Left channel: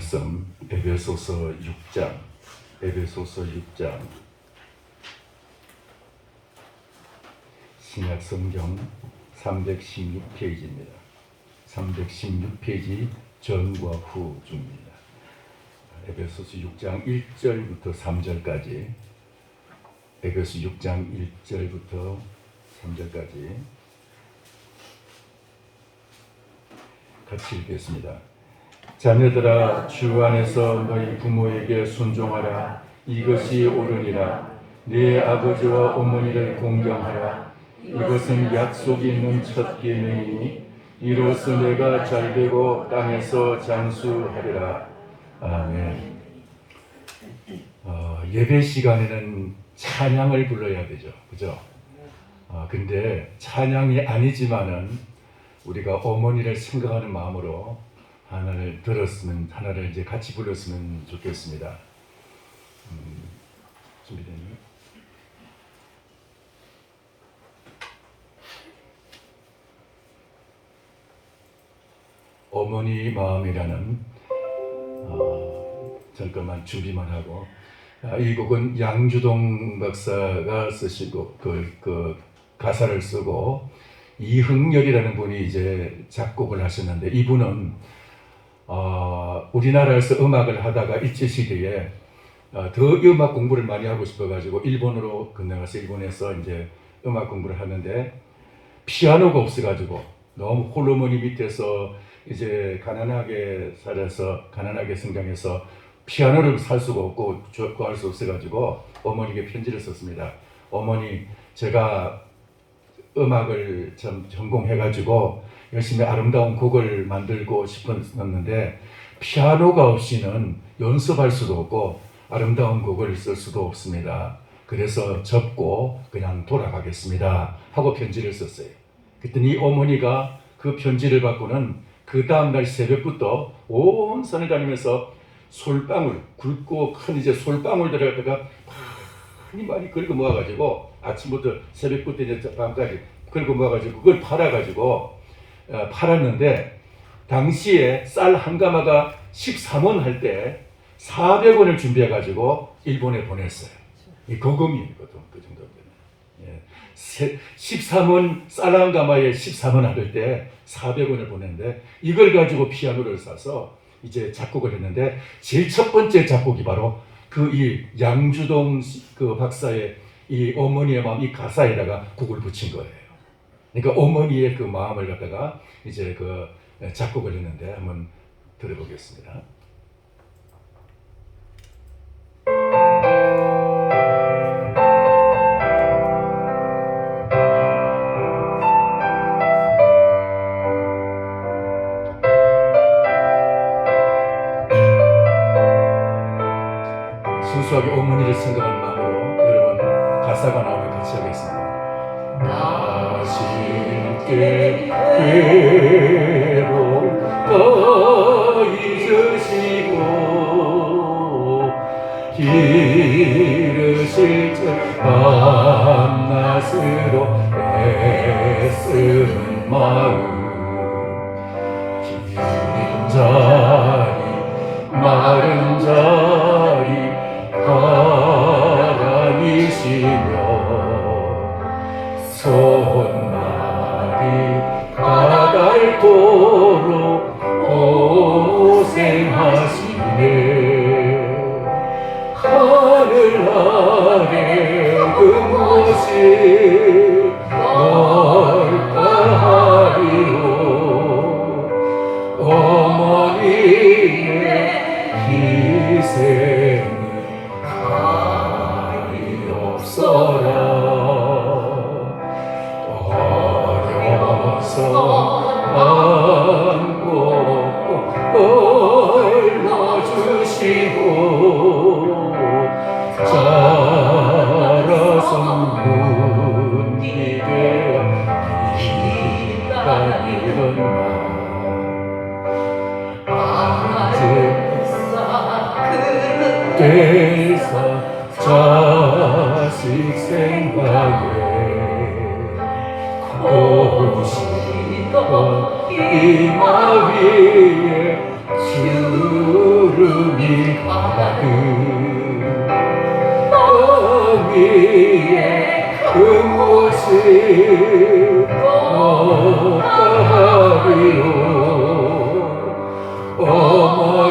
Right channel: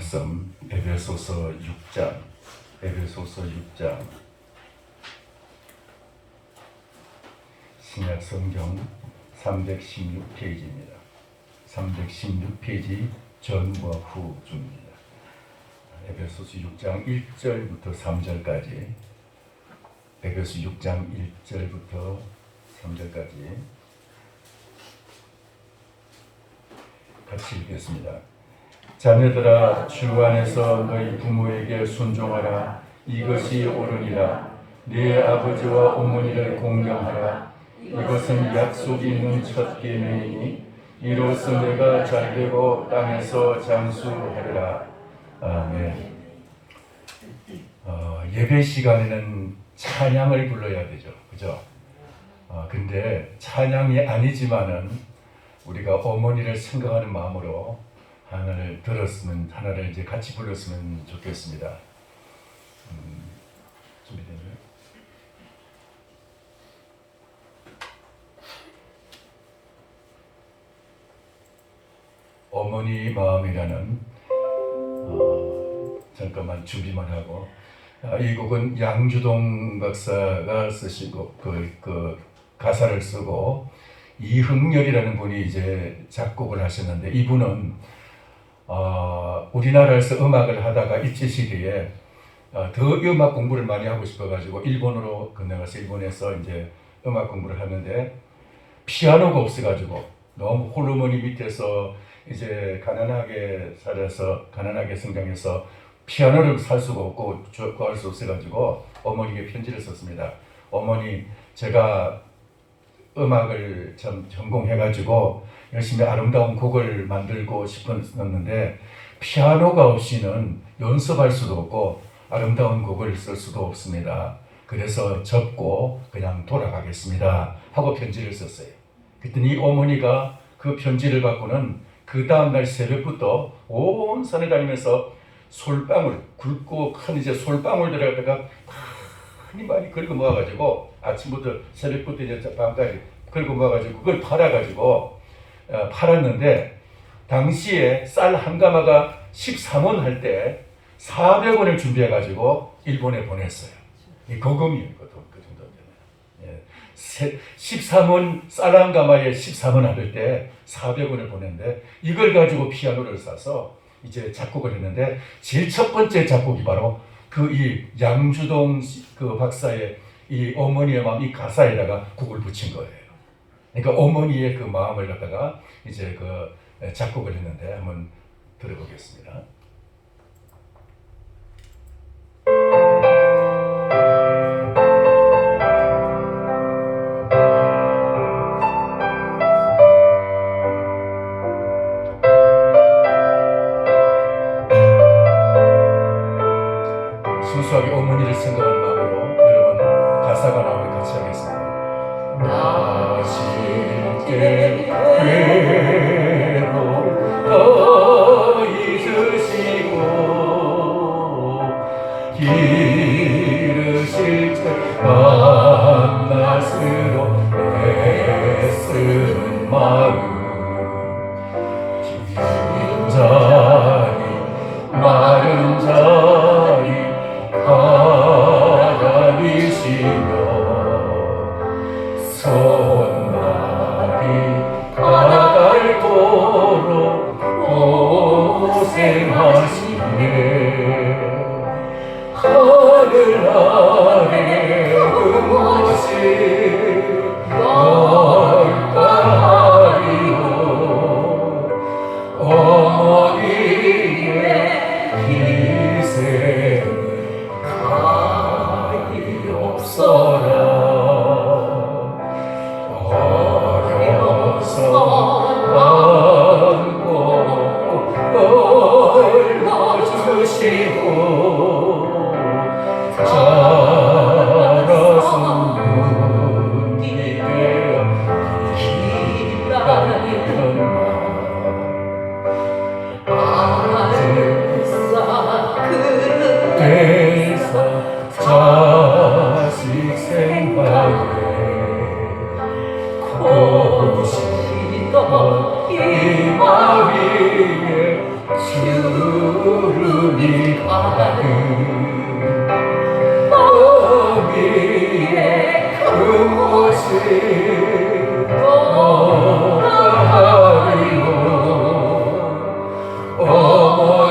말씀 에베소서 6장 신약 성경 316페이지입니다. 316페이지 전과 후 중입니다. 에베소서 6장 1절부터 3절까지 에베소 6장 1절부터 3절까지 같이 읽겠습니다. 자녀들아, 주 안에서 너희 부모에게 순종하라. 이것이 옳으니라. 네 아버지와 어머니를 공경하라. 이것은 약속이 있는 첫 계명이니 이로써 너가 잘되고 땅에서 장수하리라. 아멘. 예배 시간에는 찬양을 불러야 되죠, 그죠? 근데 찬양이 아니지만은 우리가 어머니를 생각하는 마음으로 하나를 이제 같이 불렀으면 좋겠습니다. 준비되나요? 어머니 마음이라는 잠깐만 준비만 하고, 이 곡은 양주동 박사가 쓰시고 그 가사를 쓰고 이흥렬이라는 분이 이제 작곡을 하셨는데, 이분은 우리나라에서 음악을 하다가 일제 시기에 더 음악 공부를 많이 하고 싶어가지고 일본으로 건너가서 일본에서 이제 음악 공부를 하는데 피아노가 없어가지고 너무 홀어머니 밑에서 이제 가난하게 성장해서 피아노를 살 수가 없고 구할 수 없어가지고 어머니에게 편지를 썼습니다. 어머니, 제가 음악을 좀 전공해가지고 열심히 아름다운 곡을 만들고 싶었는데 피아노가 없이는 연습할 수도 없고 아름다운 곡을 쓸 수도 없습니다. 그래서 접고 그냥 돌아가겠습니다 하고 편지를 썼어요. 그랬더니 어머니가 그 편지를 받고는 그 다음날 새벽부터 온 산을 다니면서 솔방울, 굵고 큰 이제 솔방울 들어가다가 많이 긁어 모아가지고 아침부터 새벽부터 이제 밤까지 긁어 모아가지고 그걸 팔았는데, 당시에 쌀 한 가마가 13원 할 때 400원을 준비해가지고 일본에 보냈어요. 이 거금이에요, 그 정도 되면. 13원, 쌀 한 가마에 13원 할 때 400원을 보냈는데, 이걸 가지고 피아노를 사서 이제 작곡을 했는데, 제일 첫 번째 작곡이 바로 이 양주동 그 박사의 이 어머니의 마음, 이 가사에다가 곡을 붙인 거예요. 그러니까 어머니의 그 마음을 갖다가 이제 그 작곡을 했는데 한번 들어보겠습니다. 순수하게 어머니를 생각하는 마음으로 여러분 가사가 나오면 같이 하겠습니다. 나실 때 괴로움 더 잊으시고 기르실 때 밤낮으로 애쓰는 마음, 긴 자리 마른 자리 바람이시며 손날이 가닳도록 고생하시네. 하늘 아래 그것이 뭘까요? 어머니의 희생은 달이 없어라. 올려주시고 자라서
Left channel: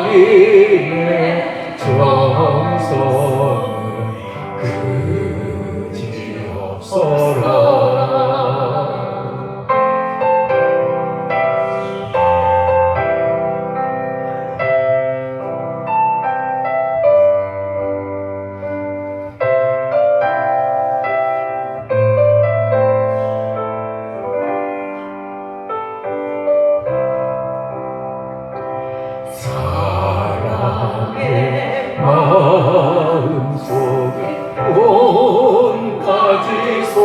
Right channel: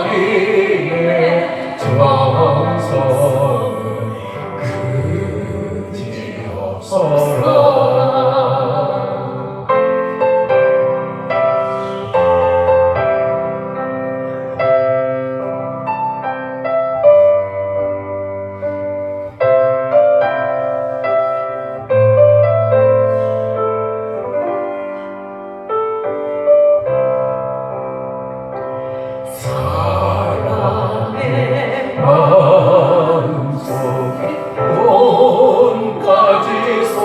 우리의 정성은 그지없어라. 사랑의 마음속에 온 가지 속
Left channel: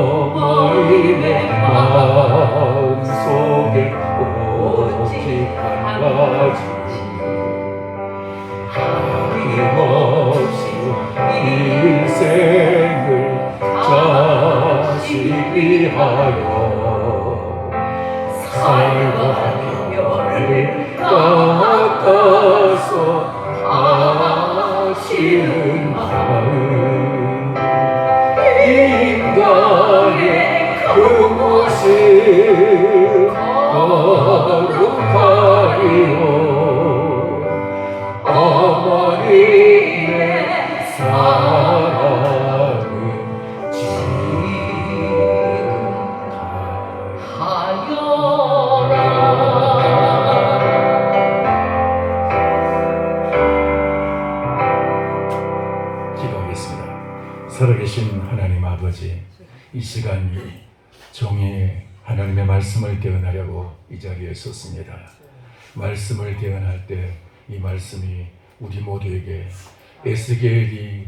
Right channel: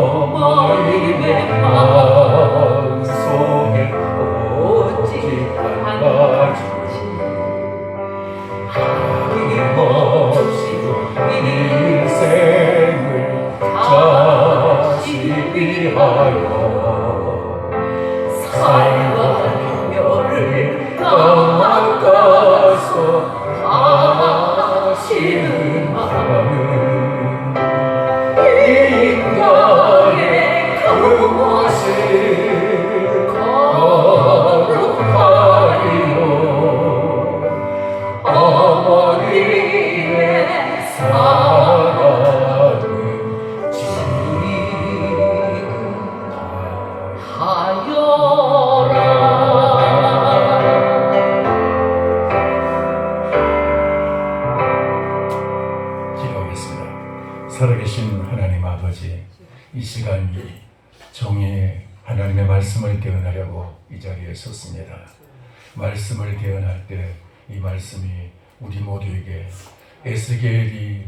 어머니의 마음속에 오직 한 가지 하염없이 인생을 자식 위하여 살과 별을 깎아서 하시는 마음 인간의 그것이 거룩하리요. 어머니의 사랑은 지금하여라. 기도하겠습니다. 살아계신 하나님 아버지, 이 시간 종이 하나님의 말씀을 대언하려고 이 자리에 섰습니다. 말씀을 대언할 때 이 말씀이 우리 모두에게 에스겔이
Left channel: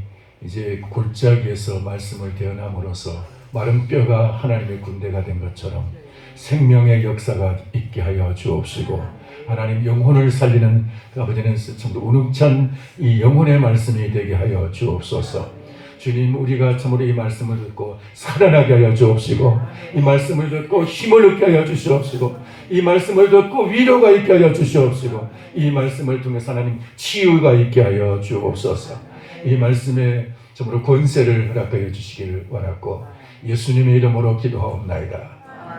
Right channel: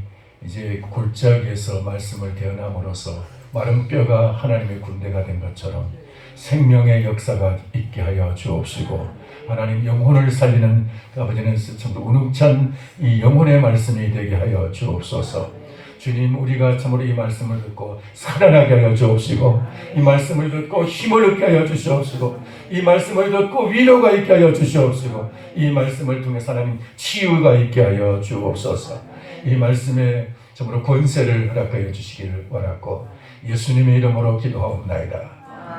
이제 골짜기에서 말씀을 대언함으로써 마른 뼈가 하나님의 군대가 된 것처럼 생명의 역사가 있게 하여 주옵시고, 하나님 영혼을 살리는 아버지는 참으로 우능찬 이 영혼의 말씀이 되게 하여 주옵소서. 주님, 우리가 참으로 이 말씀을 듣고 살아나게 하여 주옵시고, 이 말씀을 듣고 힘을 얻게 하여 주시옵시고, 이 말씀을 듣고 위로가 있게 하여 주시옵시고, 이 말씀을 통해서 하나님 치유가 있게 하여 주옵소서. 이 말씀에 참으로 권세를 허락하여 주시기를 원하고 예수님의 이름으로 기도하옵나이다.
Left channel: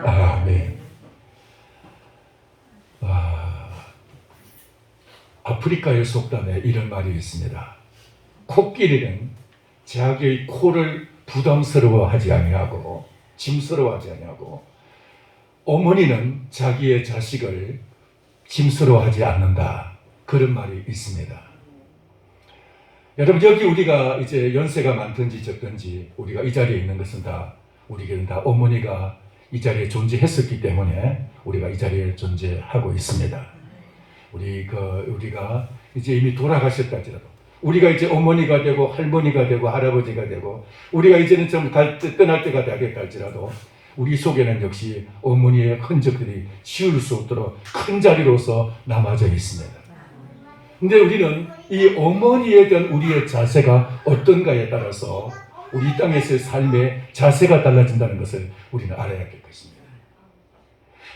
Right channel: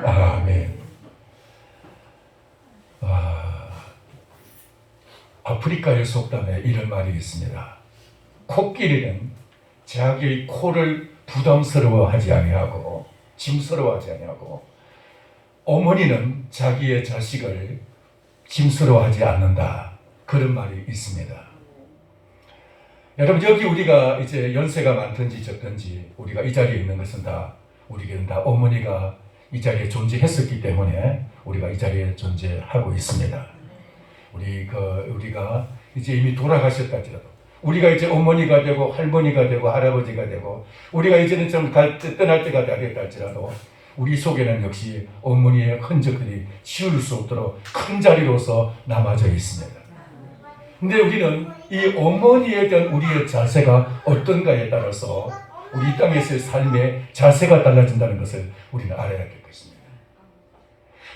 아멘. 아프리카의 속담에 이런 말이 있습니다. 코끼리는 자기의 코를 부담스러워하지 아니하고 짐스러워하지 아니하고, 어머니는 자기의 자식을 짐스러워하지 않는다. 그런 말이 있습니다. 여러분, 여기 우리가 이제 연세가 많든지 적든지 우리가 이 자리에 있는 것은 다 우리에게는 다 어머니가 이 자리에 존재했었기 때문에 우리가 이 자리에 존재하고 있습니다. 우리가 이제 이미 돌아가셨다 할지라도, 우리가 이제 어머니가 되고 할머니가 되고 할아버지가 되고 우리가 이제는 좀 떠날 때가 됐다 할지라도 우리 속에는 역시 어머니의 흔적들이 지울 수 없도록 큰 자리로서 남아져 있습니다. 근데 우리는 이 어머니에 대한 우리의 자세가 어떤가에 따라서 우리 이 땅에서의 삶의 자세가 달라진다는 것을 우리는 알아야 될 것입니다.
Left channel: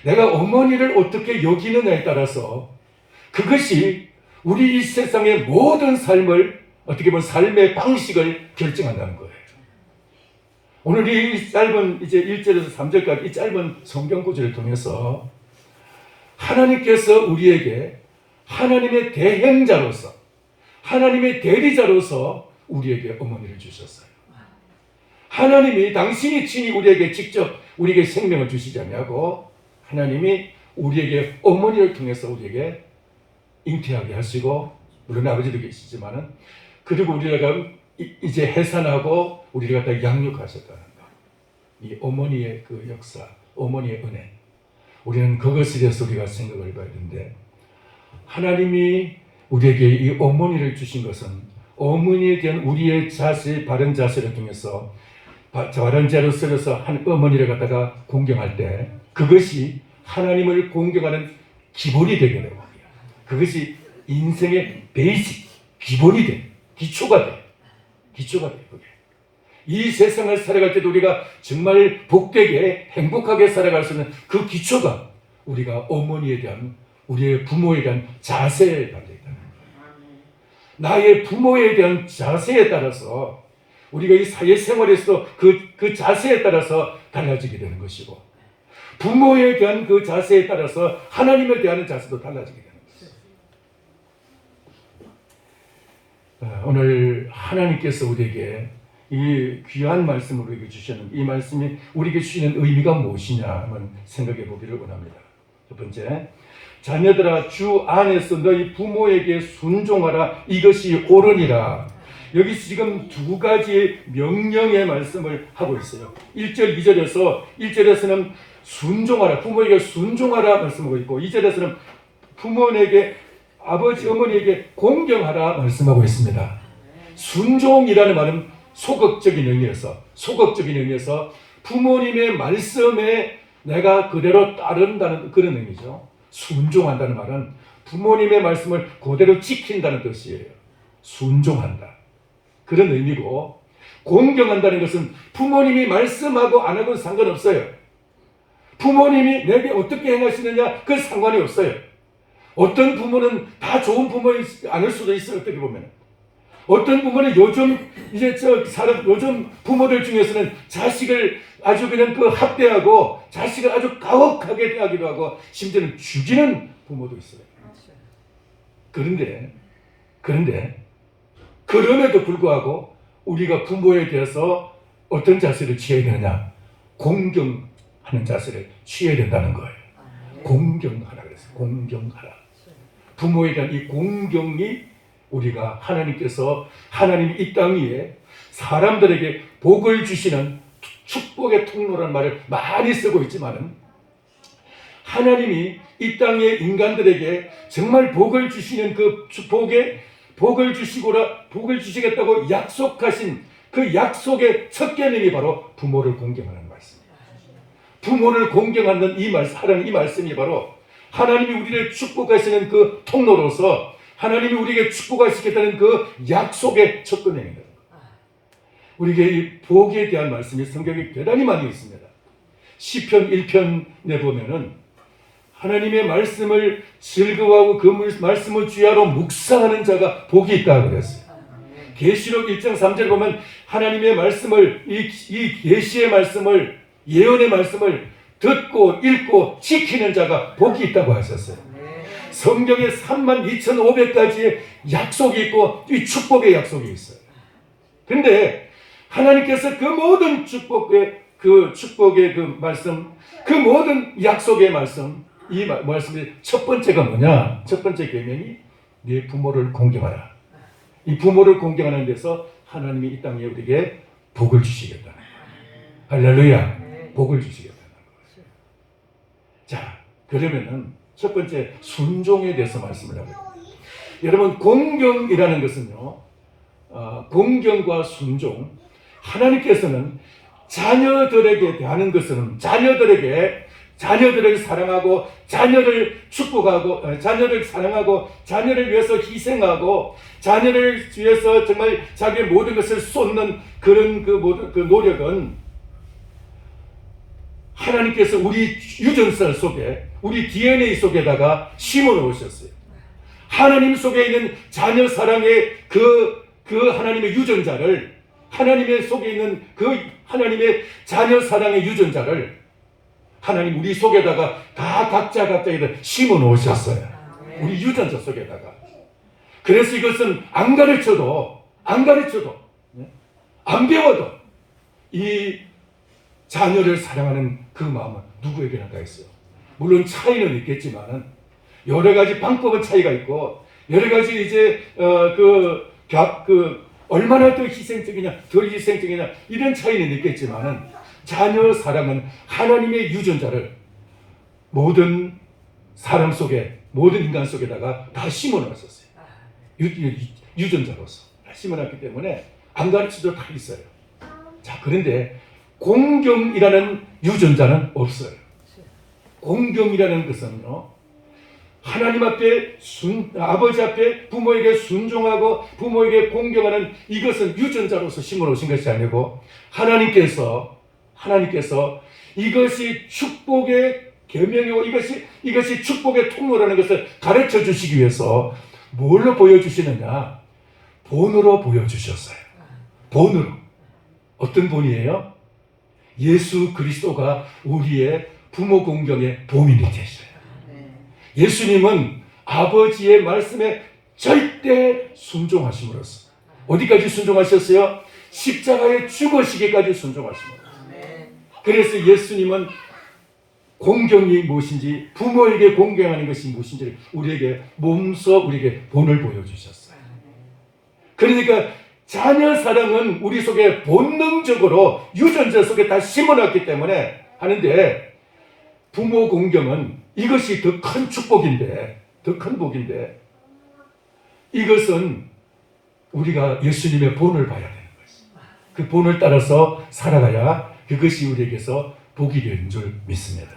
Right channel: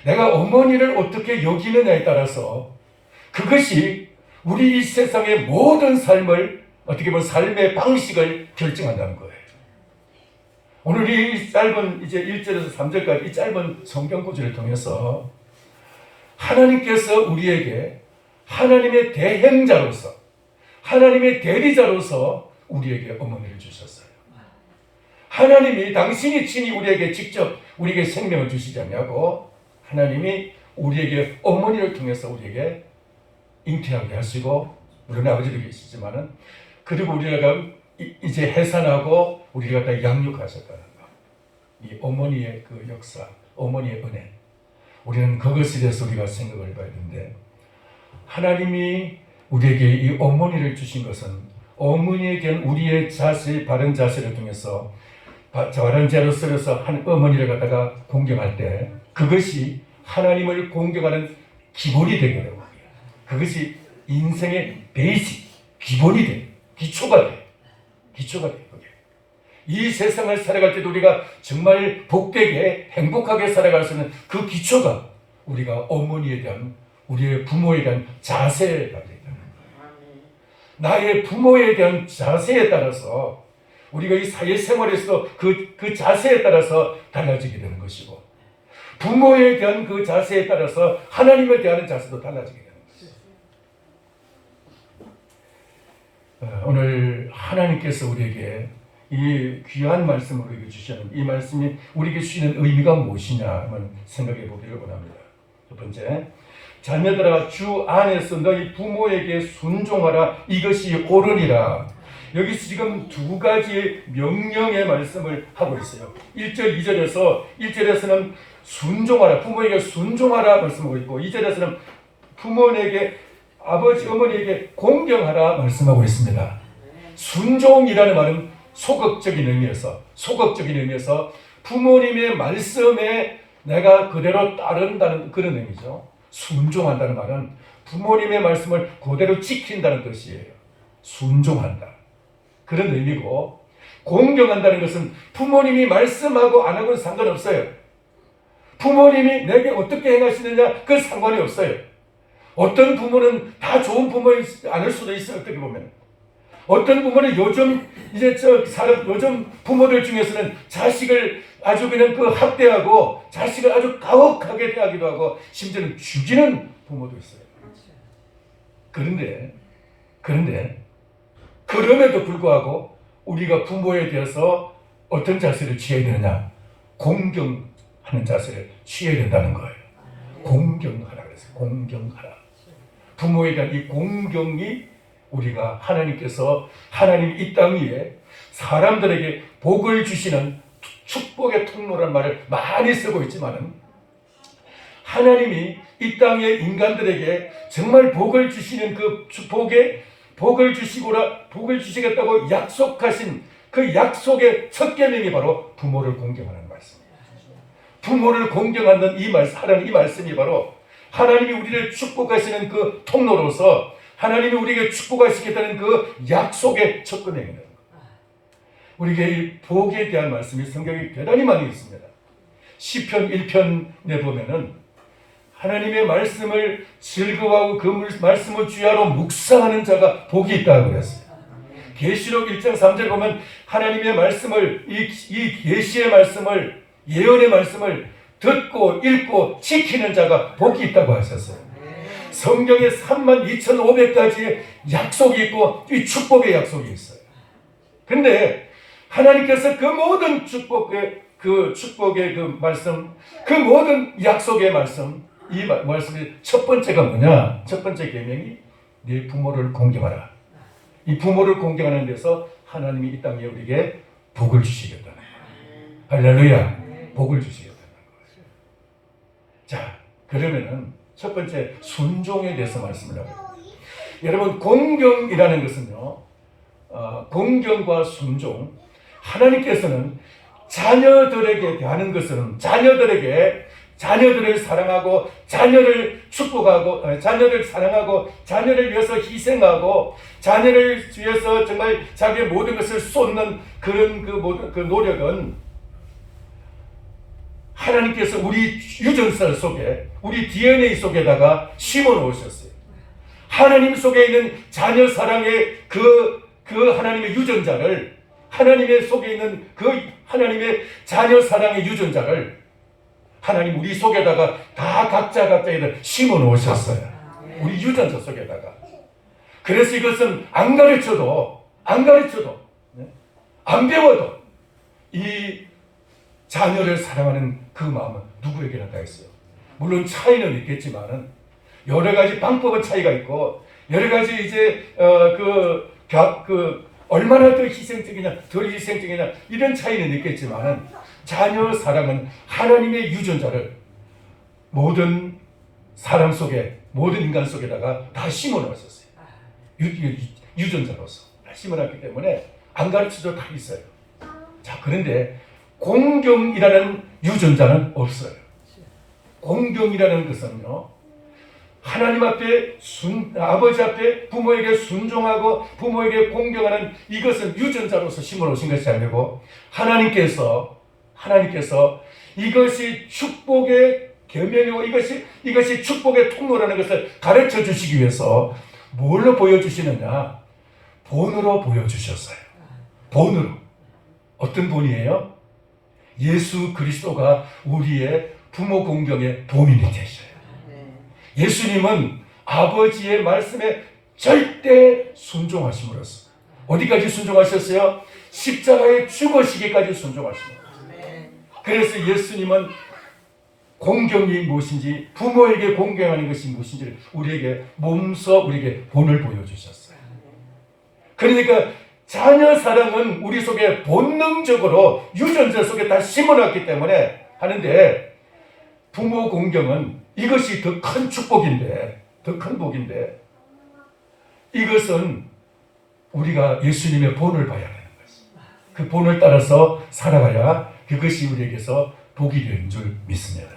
내가 어머니를 어떻게 여기느냐에 따라서 그것이 우리 이 세상의 모든 삶을, 어떻게 보면 삶의 방식을 결정한다는 거예요. 오늘 이 짧은 이제 1절에서 3절까지 이 짧은 성경 구절을 통해서 하나님께서 우리에게 하나님의 대행자로서, 하나님의 대리자로서 우리에게 어머니를 주셨어요. 하나님이 당신이 친히 우리에게 직접 우리에게 생명을 주시지 아니하고 하나님이 우리에게 어머니를 통해서 우리에게 잉태하게 하시고, 물론 아버지도 계시지만은, 그리고 우리가 이제 해산하고 우리가 다 양육하셨다는 것. 이 어머니의 그 역사, 어머니의 은혜. 우리는 그것에 대해서 우리가 생각을 해봐야 되는데, 하나님이 우리에게 이 어머니를 주신 것은 어머니에 대한 우리의 자세, 바른 자세를 통해서 바른 자로 쓰여서 한 어머니를 갖다가 공경할 때 그것이 하나님을 공경하는 기본이 되게 되고, 그것이 인생의 베이직, 기본이 돼, 기초가 돼. 이 세상을 살아갈 때도 우리가 정말 복되게 행복하게 살아갈 수 있는 그 기초가 우리가 어머니에 대한, 우리의 부모에 대한 자세에 달려 있다는 거예요. 나의 부모에 대한 자세에 따라서 우리가 이 사회생활에서 그 자세에 따라서 달라지게 되는 것이고, 부모에 대한 그 자세에 따라서 하나님을 대하는 자세도 달라지게 되는 것입니다. 오늘 하나님께서 우리에게 이 귀한 말씀을 우리에게 주시는 이 말씀이 우리에게 주시는 의미가 무엇이냐 하는 생각해 보기를 원합니다. 첫 번째, 자녀들아 주 안에서 너희 부모에게 순종하라 이것이 옳으니라. 여기서 지금 두 가지 명령의 말씀을 하고 있어요. 1절, 2절에서 1절에서는 순종하라, 부모에게 순종하라 말씀하고 있고 2절에서는 부모에게 아버지 어머니에게 공경하라 말씀하고 있습니다. 순종이라는 말은 소극적인 의미에서 부모님의 말씀에 내가 그대로 따른다는 그런 의미죠. 순종한다는 말은 부모님의 말씀을 그대로 지킨다는 뜻이에요. 순종한다. 그런 의미고, 공경한다는 것은 부모님이 말씀하고 안 하고는 상관없어요. 부모님이 내게 어떻게 행하시느냐 그 상관이 없어요. 어떤 부모는 다 좋은 부모이 아닐 수도 있어요. 어떻게 보면 어떤 부모는 요즘 부모들 중에서는 자식을 아주 그냥 그 학대하고 자식을 아주 가혹하게 대하기도 하고 심지어는 죽이는 부모도 있어요. 그럼에도 불구하고 우리가 부모에 대해서 어떤 자세를 취해야 되느냐? 공경하는 자세를 취해야 된다는 거예요. 공경하라 그랬어요. 공경하라. 부모에 대한 이 공경이 우리가 하나님이 이 땅 위에 사람들에게 복을 주시는 축복의 통로라는 말을 많이 쓰고 있지만은 하나님이 이 땅의 인간들에게 정말 복을 주시는 그 복을 주시겠다고 약속하신 그 약속의 첫 계명이 바로 부모를 공경하는 말씀입니다. 부모를 공경하는 이 말씀이 바로 하나님이 우리를 축복하시는 그 통로로서 하나님이 우리에게 축복하시겠다는 그 약속의 첫 계명입니다. 우리에게 이 복에 대한 말씀이 성경에 대단히 많이 있습니다. 시편 1편에 보면은 하나님의 말씀을 즐거워하고 그 말씀을 주야로 묵상하는 자가 복이 있다고 그랬어요. 계시록 1장 3절에 보면 하나님의 말씀을 이 계시의 말씀을 예언의 말씀을 듣고 읽고 지키는 자가 복이 있다고 하셨어요. 성경에 32,500가지의 약속이 있고 이 축복의 약속이 있어요. 근데 하나님께서 그 모든 축복의 그 말씀, 그 모든 약속의 말씀, 이 말씀의 첫 번째가 뭐냐? 첫 번째 계명이 네 부모를 공경하라. 이 부모를 공경하는 데서 하나님이 이 땅에 우리에게 복을 주시겠다는 거예요. 할렐루야. 복을 주시겠다는 거예요. 자, 그러면은 첫 번째 순종에 대해서 말씀을 하고요. 여러분, 공경이라는 것은요, 공경과 순종, 하나님께서는 자녀들에게 대하는 것은 자녀들을 사랑하고 자녀를 축복하고 자녀를 사랑하고 자녀를 위해서 희생하고 자녀를 위해서 정말 자기의 모든 것을 쏟는 그런 그 노력은 하나님께서 우리 유전설 속에 우리 DNA 속에다가 심어 놓으셨어요. 하나님 속에 있는 자녀 사랑의 그 하나님의 유전자를 하나님의 속에 있는 그 하나님의 자녀 사랑의 유전자를 하나님 우리 속에다가 다 각자에다 심어 놓으셨어요. 우리 유전자 속에다가. 그래서 이것은 안 가르쳐도 안 배워도 이 자녀를 사랑하는 그 마음은 누구에게나 다 있어요. 물론 차이는 있겠지만은 여러 가지 방법은 차이가 있고 여러 가지 이제 얼마나 더 희생적이냐 덜 희생적이냐 이런 차이는 있겠지만은 자녀 사랑은 하나님의 유전자를 모든 사람 속에 모든 인간 속에다가 다 심어놨었어요. 유전자로서 다 심어놨기 때문에 안 가르쳐도 다 있어요. 자, 그런데 공경이라는 유전자는 없어요. 공경이라는 것은요, 하나님 앞에 아버지 앞에 부모에게 순종하고 부모에게 공경하는 이것은 유전자로서 심어놓으신 것이 아니고 하나님께서 이것이 축복의 계명이고 이것이 축복의 통로라는 것을 가르쳐 주시기 위해서 뭘로 보여주시느냐? 본으로 보여주셨어요. 본으로. 어떤 본이에요? 예수 그리스도가 우리의 부모 공경의 도민이 되셔요. 예수님은 아버지의 말씀에 절대 순종하심으로써 어디까지 순종하셨어요? 십자가에 죽으시기까지 순종하십니다. 그래서 예수님은 공경이 무엇인지, 부모에게 공경하는 것이 무엇인지를 우리에게 몸소 우리에게 본을 보여주셨어요. 그러니까 자녀 사랑은 우리 속에 본능적으로 유전자 속에 다 심어놨기 때문에 하는데, 부모 공경은 이것이 더 큰 축복인데, 더 큰 복인데, 이것은 우리가 예수님의 본을 봐야 되는 것입니다. 그 본을 따라서 살아가야 그것이 우리에게서 복이 되는 줄 믿습니다.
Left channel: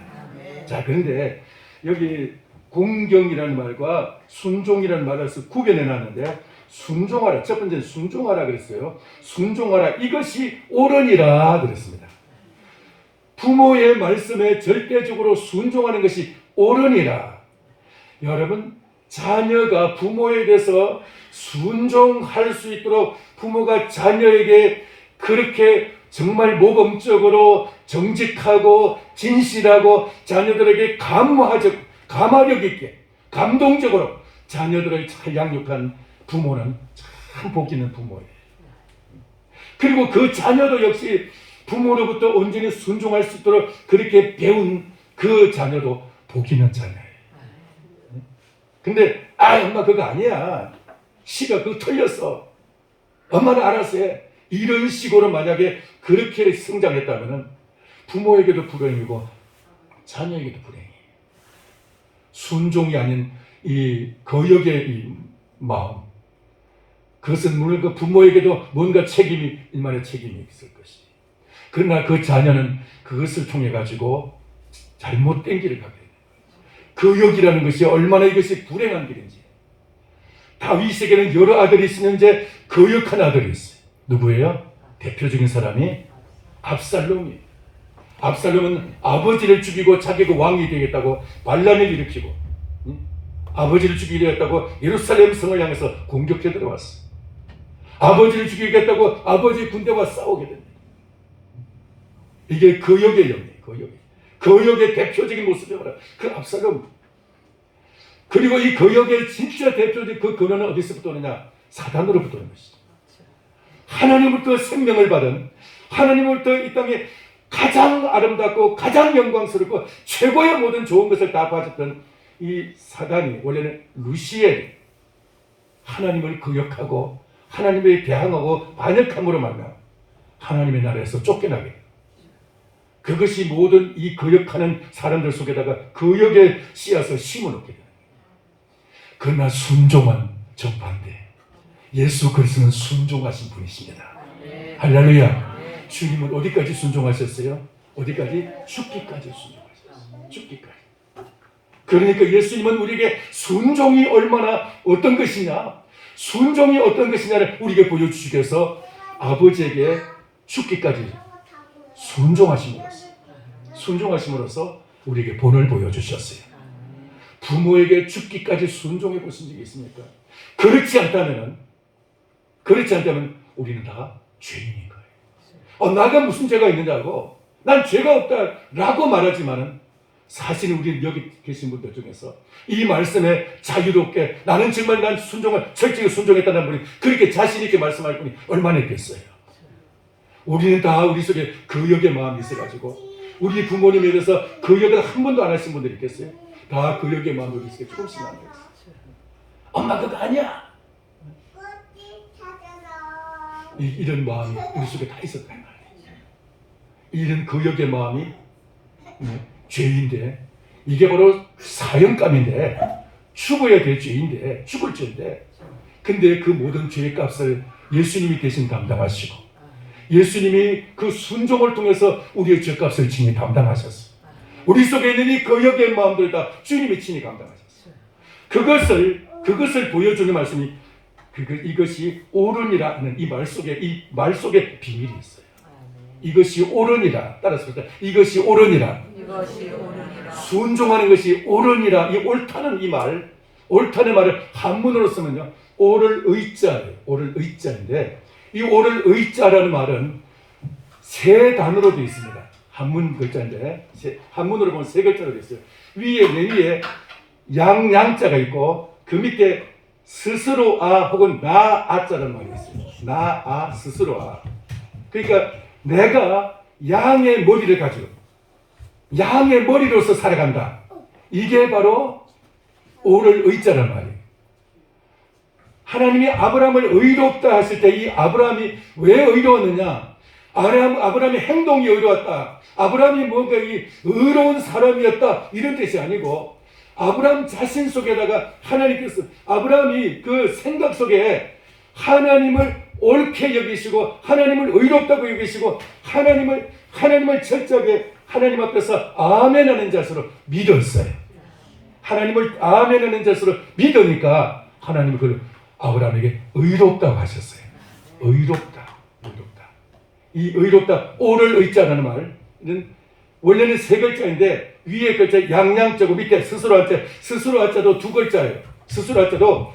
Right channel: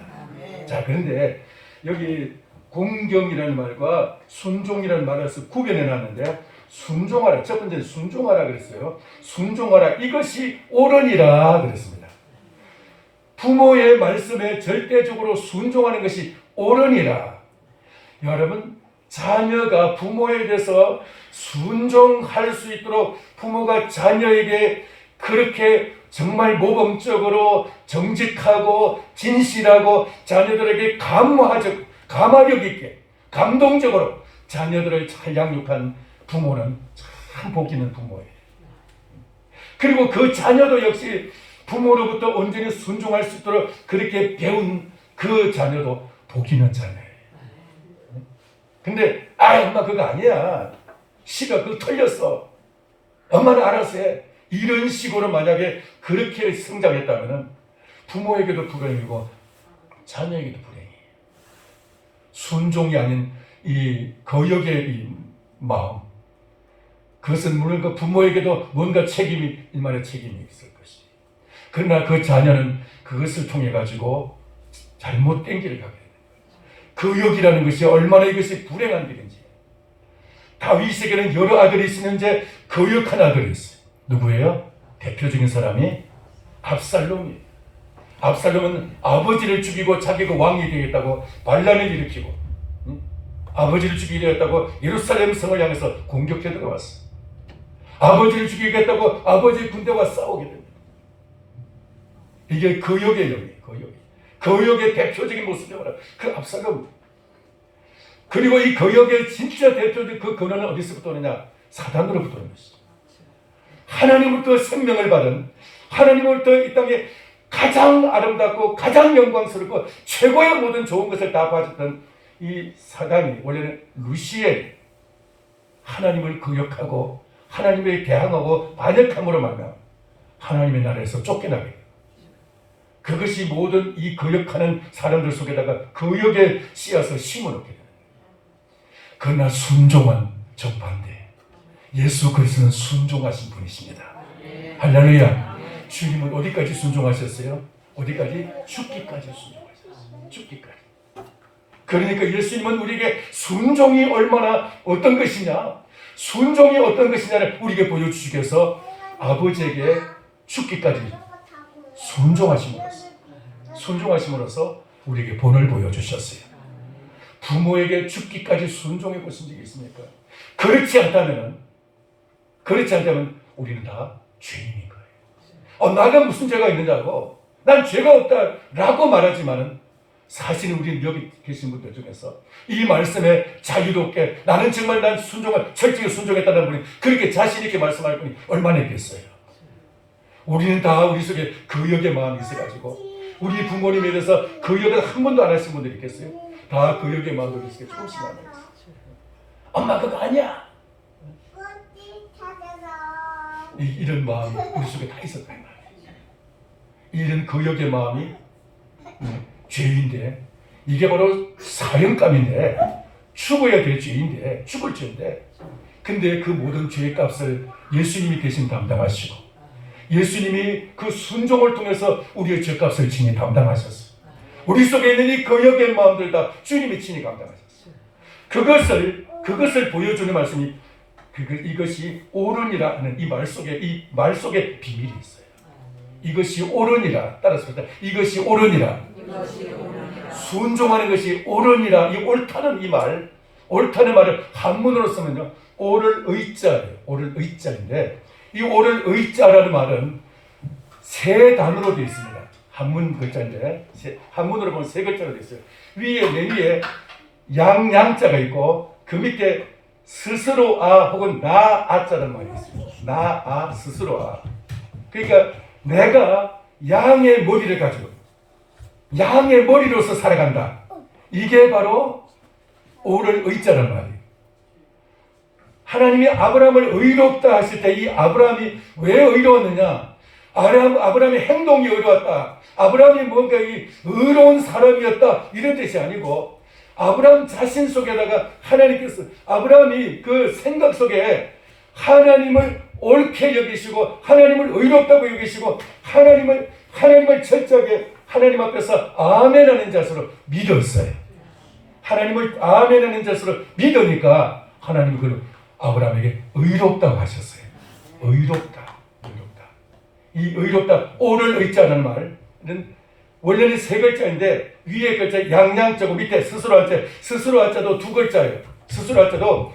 자, 그런데 여기 공경이라는 말과 순종이라는 말을 구별해 놨는데, 순종하라, 첫 번째는 순종하라 그랬어요. 순종하라, 이것이 옳으니라 그랬습니다. 부모의 말씀에 절대적으로 순종하는 것이 옳으니라. 여러분, 자녀가 부모에 대해서 순종할 수 있도록 부모가 자녀에게 그렇게 정말 모범적으로 정직하고 진실하고 자녀들에게 감화력 있게 감동적으로 자녀들을 잘 양육한 부모는 참 복 있는 부모예요. 그리고 그 자녀도 역시 부모로부터 온전히 순종할 수 있도록 그렇게 배운 그 자녀도 복 있는 자녀예요. 근데 엄마 그거 아니야, 싫어, 그거 틀렸어, 엄마는 알아서 해, 이런 식으로 만약에 그렇게 성장했다면 부모에게도 불행이고 자녀에게도 불행이에요. 순종이 아닌 이 거역의 이 마음, 그것은 물론 그 부모에게도 뭔가 일만의 책임이 있을 것이. 그러나 그 자녀는 그것을 통해 가지고 잘못된 길을 가게 됩니다. 거역이라는 것이 얼마나 이것이 불행한 길인지. 다윗에게는 여러 아들이 있었는데 거역한 아들이 있어요. 누구예요? 대표적인 사람이 압살롬이에요. 압살롬은 아버지를 죽이고 자기가 왕이 되겠다고 반란을 일으키고, 아버지를 죽이겠다고 예루살렘 성을 향해서 공격해 들어왔어. 아버지를 죽이겠다고 아버지 군대와 싸우게 됩니다. 이게 거역의 영이에요. 거역의 대표적인 모습이 바로 그 압살롬. 그리고 이 거역의 진짜 대표적인 그 근원은 어디서부터 오느냐? 사단으로부터 오는 것이죠. 하나님으로부터 생명을 받은, 하나님으로부터 이 땅에 가장 아름답고 가장 영광스럽고 최고의 모든 좋은 것을 다 가졌던 이 사단이, 원래는 루시엘, 하나님을 거역하고 하나님에 대항하고 반역함으로 말하면 하나님의 나라에서 쫓겨나게 돼요. 그것이 모든 이 거역하는 사람들 속에다가 거역의 씨앗을 심어놓게 돼요. 그러나 순종은 정반대. 예수 그리스도는 순종하신 분이십니다. 할렐루야. 주님은 어디까지 순종하셨어요? 어디까지? 죽기까지 순종하셨어요. 죽기까지. 그러니까 예수님은 우리에게 순종이 얼마나 어떤 것이냐, 순종이 어떤 것이냐를 우리에게 보여주시기 위해서 아버지에게 죽기까지 순종하심으로써 우리에게 본을 보여주셨어요. 부모에게 죽기까지 순종해 보신 적이 있습니까? 그렇지 않다면 우리는 다 죄인인 거예요. 나가 무슨 죄가 있느냐고, 난 죄가 없다라고 말하지만은 사실 우리는 여기 계신 분들 중에서 이 말씀에 자유롭게 난 철저히 순종했다는 분이 그렇게 자신 있게 말씀할 분이 얼마나 있겠어요? 우리는 다 우리 속에 거역의 마음이 있어가지고 우리 부모님에 대해서 거역을 한 번도 안 하신 분들이 있겠어요? 다 거역의 마음들이 있어요. 조금씩 남아있어요. 엄마 그거 아니야, 이런 마음이 우리 속에 다 있었다. 이런 거역의 마음이 죄인데, 이게 바로 사형감인데, 죽어야 될 죄인데, 죽을 죄인데, 근데 그 모든 죄의 값을 예수님이 대신 담당하시고, 예수님이 그 순종을 통해서 우리의 죄값을 친히 담당하셨어요. 우리 속에 있는 이 거역의 마음들 다 주님이 친히 감당하셨어요. 그것을 보여주는 말씀이 이것이 옳으니라 하는 이 말 속에 비밀이 있어요. 이것이 옳으니라. 따라서 이것이 옳으니라. 순종하는 것이 옳으니라. 이 옳다는 옳다는 말을 한문으로 쓰면요, 옳을 의자인데, 이 옳을 의자라는 말은 세 단어로 되어 있습니다. 한문 글자인데 한문으로 보면 세 글자로 되어 있어요. 맨 위에 양자가 있고 그 밑에 스스로 혹은 나아자라는 말이 있습니다. 스스로 그러니까 내가 양의 머리를 가지고 양의 머리로서 살아간다. 이게 바로 오를 의자란 말이에요. 하나님이 아브라함을 의롭다 하실 때 이 아브라함이 왜 의로웠느냐? 아브라함의 행동이 의로웠다. 아브라함이 뭔가 이 의로운 사람이었다. 이런 뜻이 아니고 아브라함 자신 속에다가 하나님께서 아브라함이 그 생각 속에 하나님을 옳게 여기시고 하나님을 의롭다고 여기시고 하나님을 철저하게 하나님 앞에서 아멘하는 자세로 믿었어요. 하나님을 아멘하는 자세로 믿으니까 하나님이 그 아브라함에게 의롭다고 하셨어요. 의롭다. 이 의롭다, 오를 의자라는 말은 원래는 세 글자인데 위에 글자 양자고 밑에 스스로 한자도 두 글자예요. 스스로 한자도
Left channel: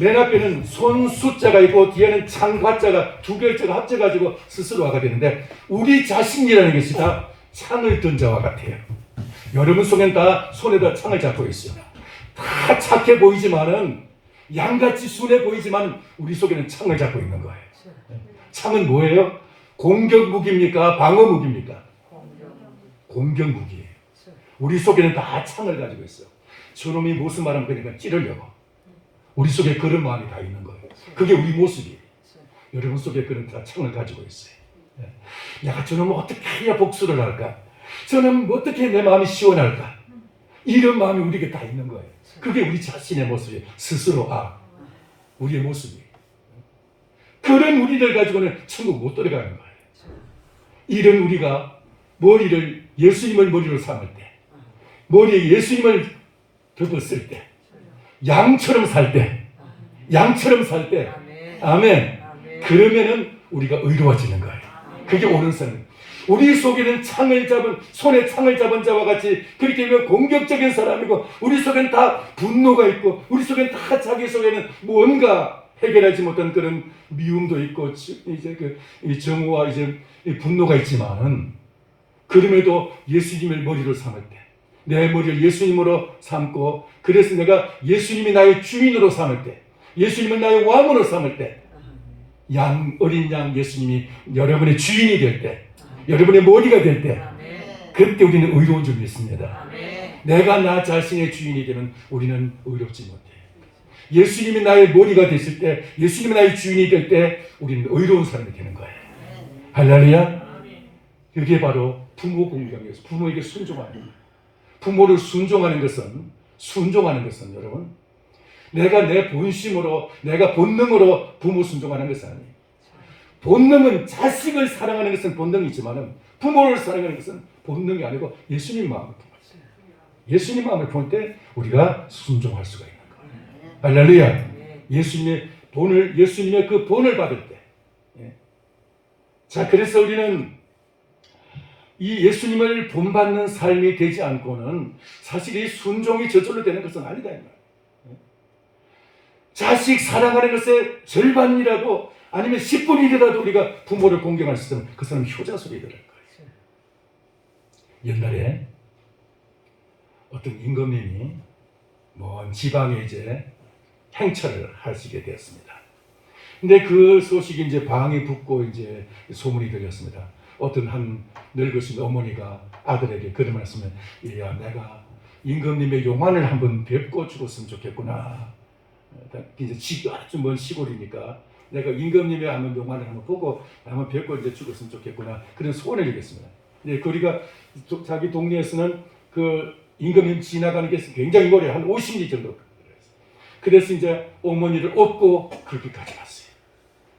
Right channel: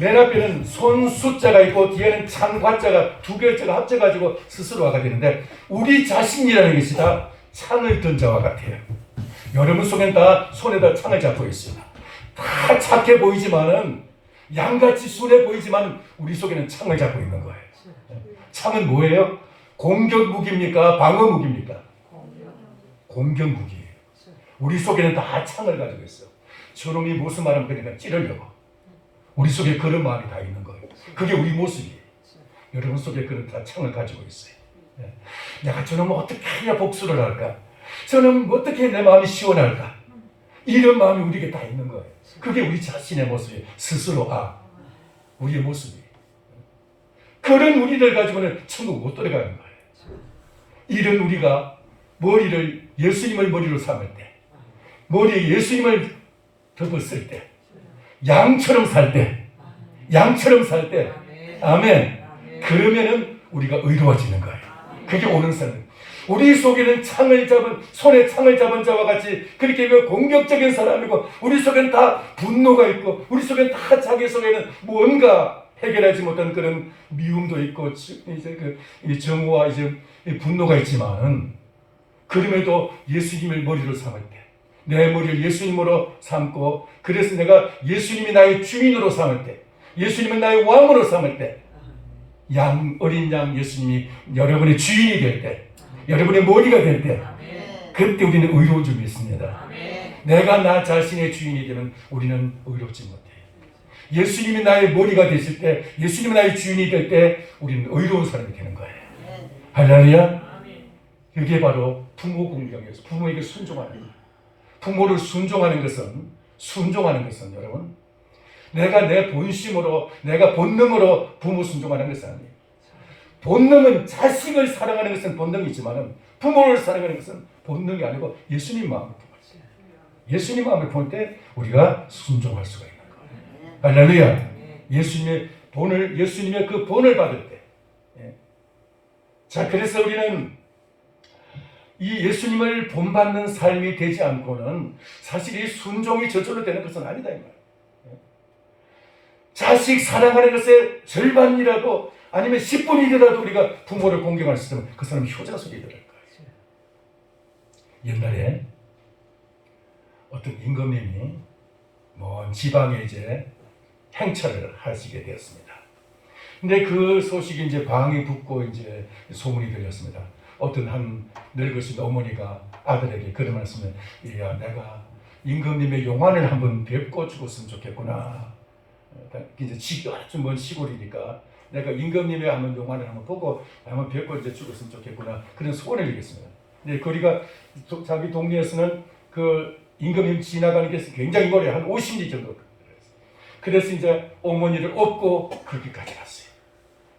맨 앞에는 손 숫자가 있고 뒤에는 창과자가 두 글자가 합쳐가지고 스스로가 되는데 우리 자신이라는 것이 다 창을 든 자와 같아요. 여러분 속엔 다 손에다 창을 잡고 있어요. 다 착해 보이지만은 양같이 순해 보이지만 우리 속에는 창을 잡고 있는 거예요. 창은 뭐예요? 공격 무기입니까? 방어 무기입니까? 공격 무기예요. 우리 속에는 다 창을 가지고 있어. 저놈이 무슨 말하면 그러니까 찌르려고. 우리 속에 그런 마음이 다 있는 거예요. 그게 우리 모습이에요. 여러분 속에 그런 다 창을 가지고 있어요. 내가 저놈은 어떻게 해야 복수를 할까? 저놈은 어떻게 내 마음이 시원할까? 이런 마음이 우리에게 다 있는 거예요. 그게 우리 자신의 모습이에요. 스스로 우리의 모습이에요. 그런 우리들 가지고는 천국 못 들어가는 거예요. 이런 우리가 예수님을 머리로 삼을 때, 머리에 예수님을 덮었을 때, 양처럼 살 때, 아멘. 그러면은 우리가 의로워지는 거예요. 그게 옳은 삶. 우리 속에는 손에 창을 잡은 자와 같이 그렇게 공격적인 사람이고 우리 속엔 다 분노가 있고 우리 속엔 다 자기 속에는 뭔가 해결하지 못한 그런 미움도 있고 이제 그 정오와 이제 분노가 있지만은 그럼에도 예수님을 머리로 삼을 때 내 머리를 예수님으로 삼고 그래서 내가 예수님이 나의 주인으로 삼을 때 예수님을 나의 왕으로 삼을 때 어린 양 예수님이 여러분의 주인이 될 때 여러분의 머리가 될 때 그때 우리는 의로운 줄 믿습니다. 내가 나 자신의 주인이 되면 우리는 의롭지 못해. 예수님이 나의 머리가 되실 때 예수님이 나의 주인이 될 때 우리는 의로운 사람이 되는 거예요. 할렐루야. 이게 바로 부모 공경에서 부모에게 순종하는 거예요. 부모를 순종하는 것은 여러분 내가 내 본심으로 내가 본능으로 부모 순종하는 것이 아니에요. 본능은 자식을 사랑하는 것은 본능이지만 부모를 사랑하는 것은 본능이 아니고 예수님 마음을 볼 때 우리가 순종할 수가 있는 거예요. 할렐루야. 예수님의 그 본을 받을 때. 자, 그래서 우리는 이 예수님을 본받는 삶이 되지 않고는 사실 이 순종이 저절로 되는 것은 아니다 이 말이에요. 자식 사랑하는 것의 절반이라도 아니면 10분이라도 우리가 부모를 공경할 수 있으면 그 사람은 효자소리를 할 거예요. 옛날에 어떤 임금님이 먼 지방에 이제 행차를 하시게 되었습니다. 근데 그 소식이 이제 방이 붙고 이제 소문이 들렸습니다. 어떤 한 늙으신 어머니가 아들에게 그런 말씀을 야 내가 임금님의 용안을 한번 뵙고 죽었으면 좋겠구나. 이제 아주 먼 시골이니까 내가 임금님의 한번 용안을 한번 보고 한번 뵙고 이제 죽었으면 좋겠구나 그런 소원을 얘기했습니다. 근데 거리가 자기 동네에서는 그 임금님 지나가는 게 굉장히 멀리 한 50리 정도. 그래서 이제 어머니를 업고 거기까지 갔어요.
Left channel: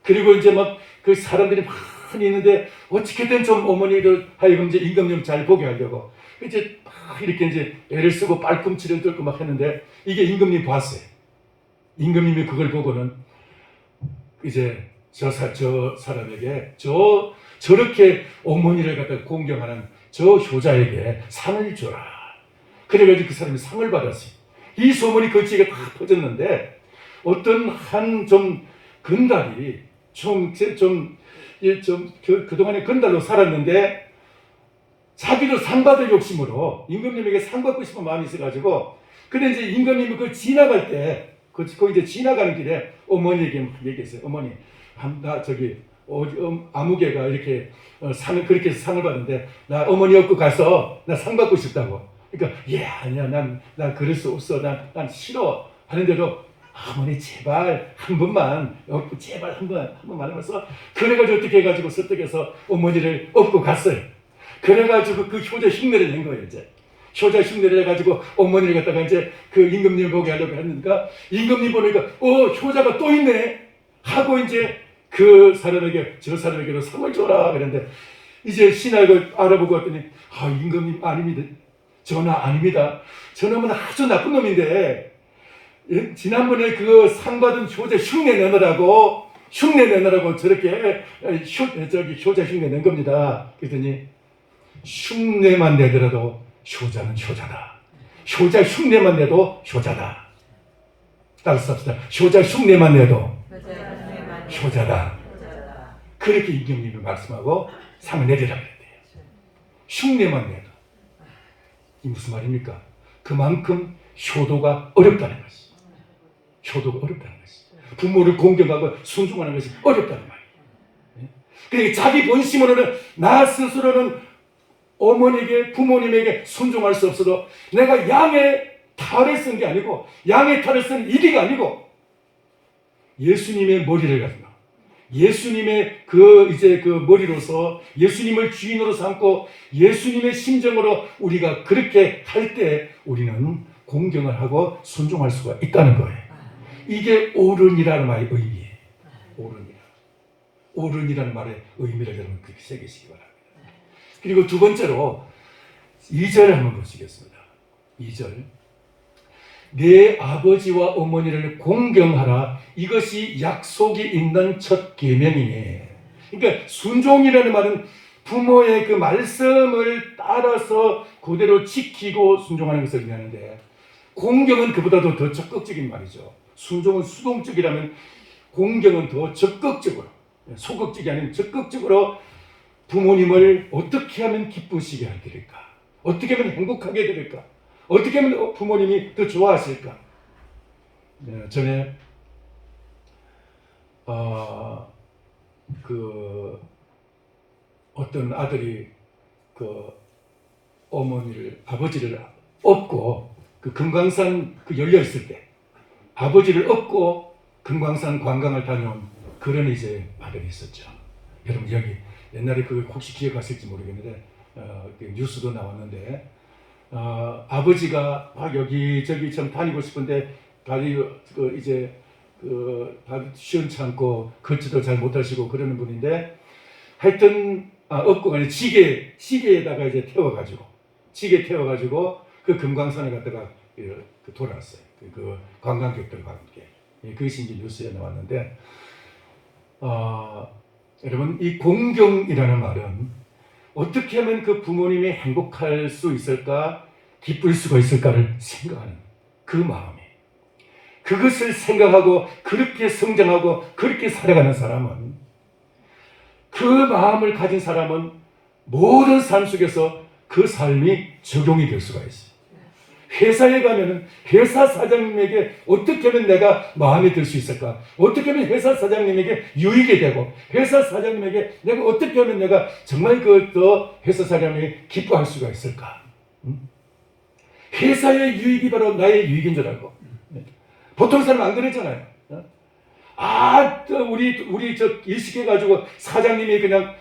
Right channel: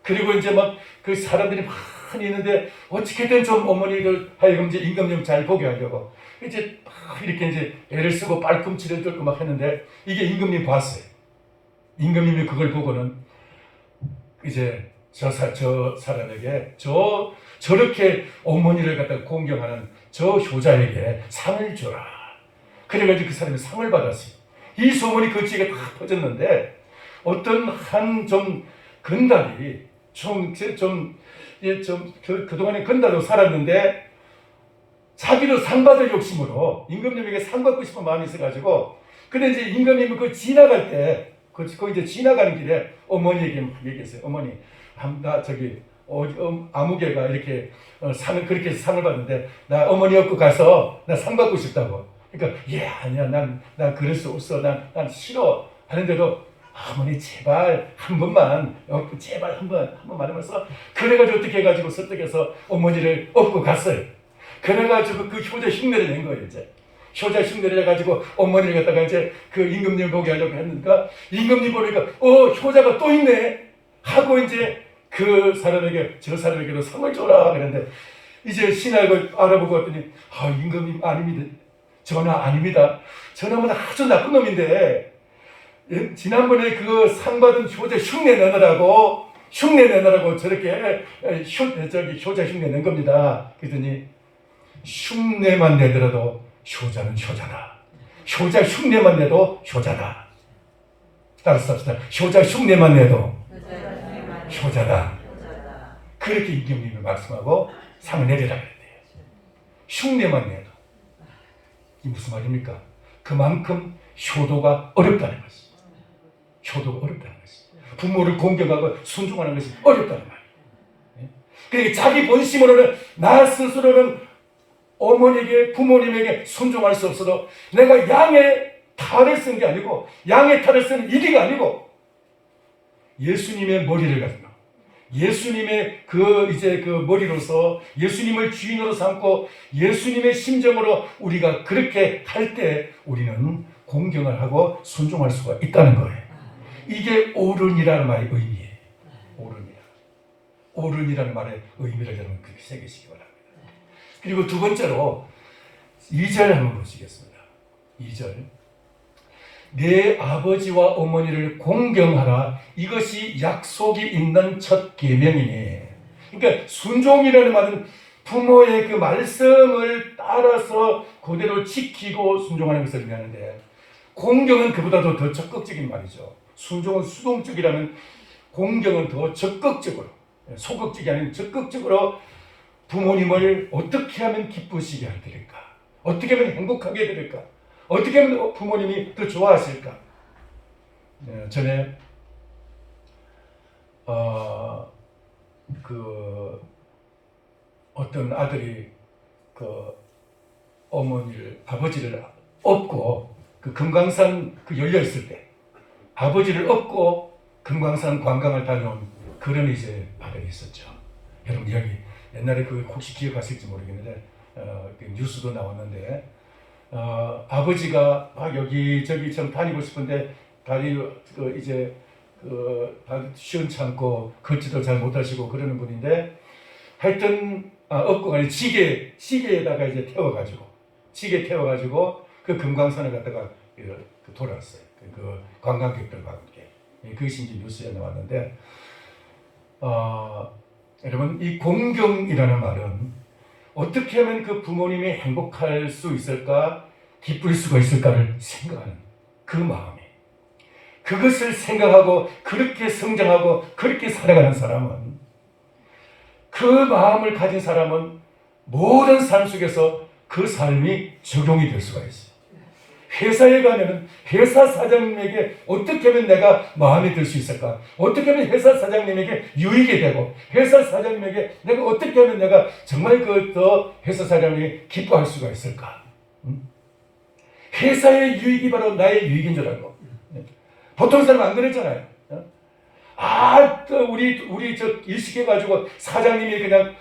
그리고 이제 막 그 사람들이 많이 있는데 어떻게든 좀 어머니들 하여금 이제 임금님 잘 보게 하려고 이제 막 이렇게 이제 애를 쓰고 발꿈치를 들고 막 했는데 이게 임금님 봤어요. 임금님이 그걸 보고는 이제 저 사람에게 저렇게 어머니를 갖다 공경하는 저 효자에게 상을 줘라. 그래가지고 그 사람이 상을 받았어요. 이 소문이 그 지역에 다 퍼졌는데 어떤 한 좀 건달이 그동안에 건달로 살았는데 자기도 상 받을 욕심으로 임금님에게 상 받고 싶은 마음이 있어가지고 근데 이제 임금님이 그 지나갈 때 그 이제 지나가는 길에 어머니에게 얘기했어요. 어머니, 나 저기 아무개가 이렇게 상을 그렇게 상을 받는데 나 어머니 업고 가서 나 상 받고 싶다고. 그러니까 아니야 난 그럴 수 없어. 난 싫어 하는데도 어머니 제발 한 번만 제발 한 번만 하면서 그래가지고 어떻게 해가지고 설득해서 어머니를 업고 갔어요. 그래가지고 그 효자 흉내를 낸 거예요. 이제 효자 흉내를 해가지고 어머니를 갖다가 이제 그 임금님 보게 하려고 했는가 임금님 보니까 효자가 또 있네 하고 이제 그 사람에게 저 사람에게도 상을 줘라 그랬는데 이제 신하가 알아보고 왔더니 임금님 아닙니다. 저는 아닙니다. 저놈은 아주 나쁜 놈인데 지난번에 그 상 받은 효자 흉내 내느라고 저렇게 효자 흉내 낸 겁니다. 그랬더니 흉내만 내더라도 효자는 효자다. 효자 흉내만 내도 효자다. 따라서 합시다. 효자 흉내만 내도 효자다. 그렇게 임금님을 말씀하고 상을 내리라 그랬대요. 흉내만 내도. 이 무슨 말입니까? 그만큼 효도가 어렵다는 것이. 효도가 어렵다는 것이. 부모를 공경하고 순종하는 것이 어렵다는 말이에요. 그러니까 자기 본심으로는 나 스스로는 어머니에게 부모님에게 순종할 수 없어도 내가 양의 탈을 쓴 게 아니고 양의 탈을 쓴 이리가 아니고 예수님의 머리를 가지고 예수님의 그 머리로서 예수님을 주인으로 삼고 예수님의 심정으로 우리가 그렇게 할 때 우리는 공경을 하고 순종할 수가 있다는 거예요. 이게 옳은이라는 말의 의미예요. 옳은이라는 말의 의미를 여러분 그렇게 새기시기 바랍니다. 그리고 두 번째로 2절 한번 보시겠습니다. 2절. 내 아버지와 어머니를 공경하라. 이것이 약속이 있는 첫 계명이니. 그러니까 순종이라는 말은 부모의 그 말씀을 따라서 그대로 지키고 순종하는 것을 의미하는데 공경은 그보다도 더 적극적인 말이죠. 순종은 수동적이라면 공경은 더 적극적으로 소극적이 아닌 적극적으로 부모님을 어떻게 하면 기쁘시게 해드릴까? 어떻게 하면 행복하게 해드릴까? 어떻게 하면 부모님이 더 좋아하실까? 전에 어떤 아들이 아버지를 업고 그 금강산 열려 있을 때 아버지를 업고 금강산 관광을 다녀온 그런 이제 아들이 있었죠. 여러분 여기 옛날에 혹시 기억하실지 모르겠는데 뉴스도 나왔는데 아버지가 여기저기 좀 다니고 싶은데 다리 다리 시원찮고 걷지도 잘 못하시고 그러는 분인데 하여튼 업고가 아니라 지게에다가 이제 태워가지고 그 금강산을 갔다가 돌아왔어요. 그 관광객들과 함께 그것이 이제 뉴스에 나왔는데 여러분 이 공경이라는 말은 어떻게 하면 그 부모님이 행복할 수 있을까 기쁠 수가 있을까를 생각하는 그 마음이 그것을 생각하고 그렇게 성장하고 그렇게 살아가는 사람은 그 마음을 가진 사람은 모든 삶 속에서 그 삶이 적용이 될 수가 있어요. 회사에 가면 회사 사장님에게 어떻게 하면 내가 마음에 들 수 있을까? 어떻게 하면 회사 사장님에게 유익이 되고 회사 사장님에게 내가 어떻게 하면 내가 정말 더 회사 사장님이 기뻐할 수가 있을까? 회사의 유익이 바로 나의 유익인 줄 알고 보통 사람은 안 그랬잖아요. 또 우리 일식해가지고 사장님이 그냥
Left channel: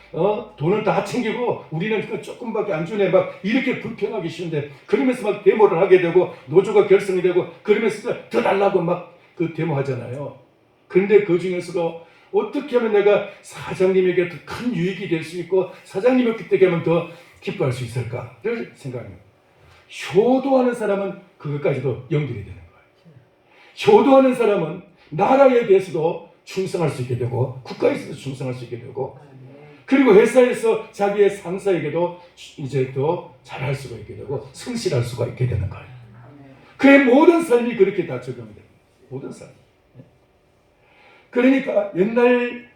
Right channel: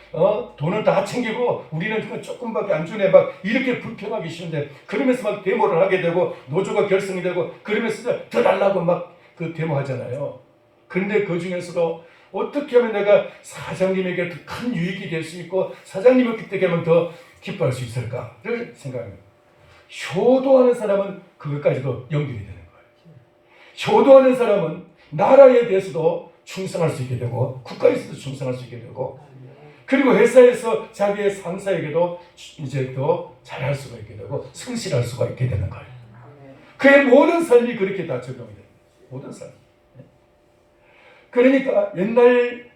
돈을 다 챙기고 우리는 조금밖에 안 주네 막 이렇게 불평하기 쉬운데 그러면서 막 데모를 하게 되고 노조가 결성이 되고 그러면서 더 달라고 막 데모하잖아요. 그런데 그 중에서도 어떻게 하면 내가 사장님에게 더 큰 유익이 될 수 있고 사장님을 어떻게 하면 더 기뻐할 수 있을까를 생각합니다. 효도하는 사람은 그것까지도 연결이 되는 거예요. 효도하는 사람은 나라에 대해서도 충성할 수 있게 되고 국가에서도 충성할 수 있게 되고 그리고 회사에서 자기의 상사에게도 이제 더 잘할 수가 있게 되고 성실할 수가 있게 되는 거예요. 그의 모든 삶이 그렇게 다 적용이 됩니다. 모든 삶. 그러니까 옛날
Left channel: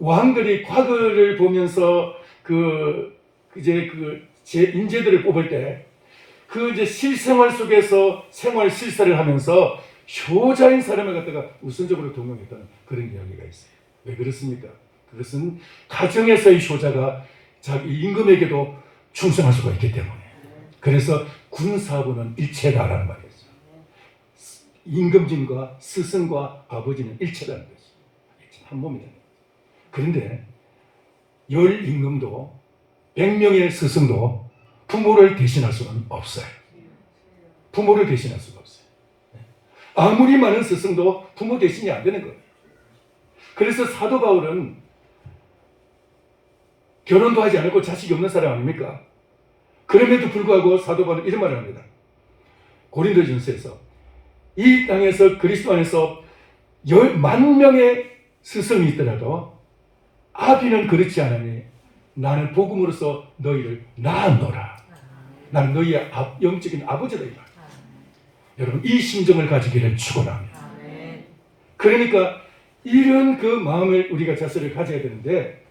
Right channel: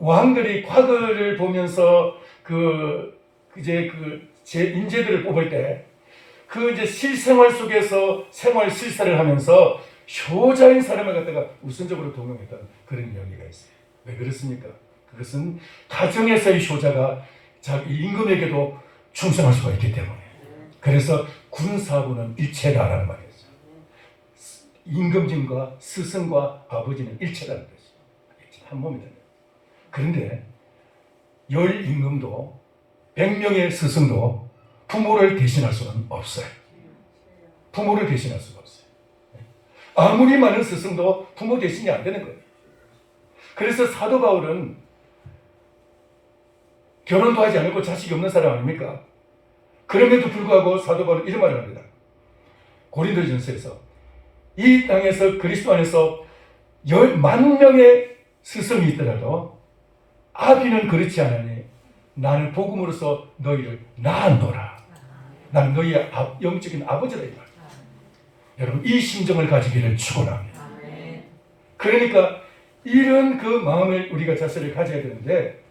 왕들이 과거를 보면서 제 인재들을 뽑을 때 그 이제 실생활 속에서 생활 실사를 하면서 효자인 사람을 갖다가 우선적으로 등용했다는 그런 이야기가 있어요. 왜 그렇습니까? 그것은 가정에서의 효자가 자기 임금에게도 충성할 수가 있기 때문에. 그래서 군사부는 일체다라는 말이죠. 임금진과 스승과 아버지는 일체라는 것이죠. 한 몸이다. 그런데 열 임금도 100명의 스승도 부모를 대신할 수는 없어요. 부모를 대신할 수가 없어요. 아무리 많은 스승도 부모 대신이 안 되는 거예요. 그래서 사도 바울은 결혼도 하지 않고 자식이 없는 사람 아닙니까? 그럼에도 불구하고 사도 바울은 이런 말을 합니다. 고린도전서에서 이 땅에서 그리스도 안에서 10,000명의 스승이 있더라도 아비는 그렇지 않으니 나는 복음으로써 너희를 낳았노라. 나는 너희의 영적인 아버지다 이 말. 여러분 이 심정을 가지기를 축원합니다. 그러니까 이런 그 마음을 우리가 자세를 가져야 되는데,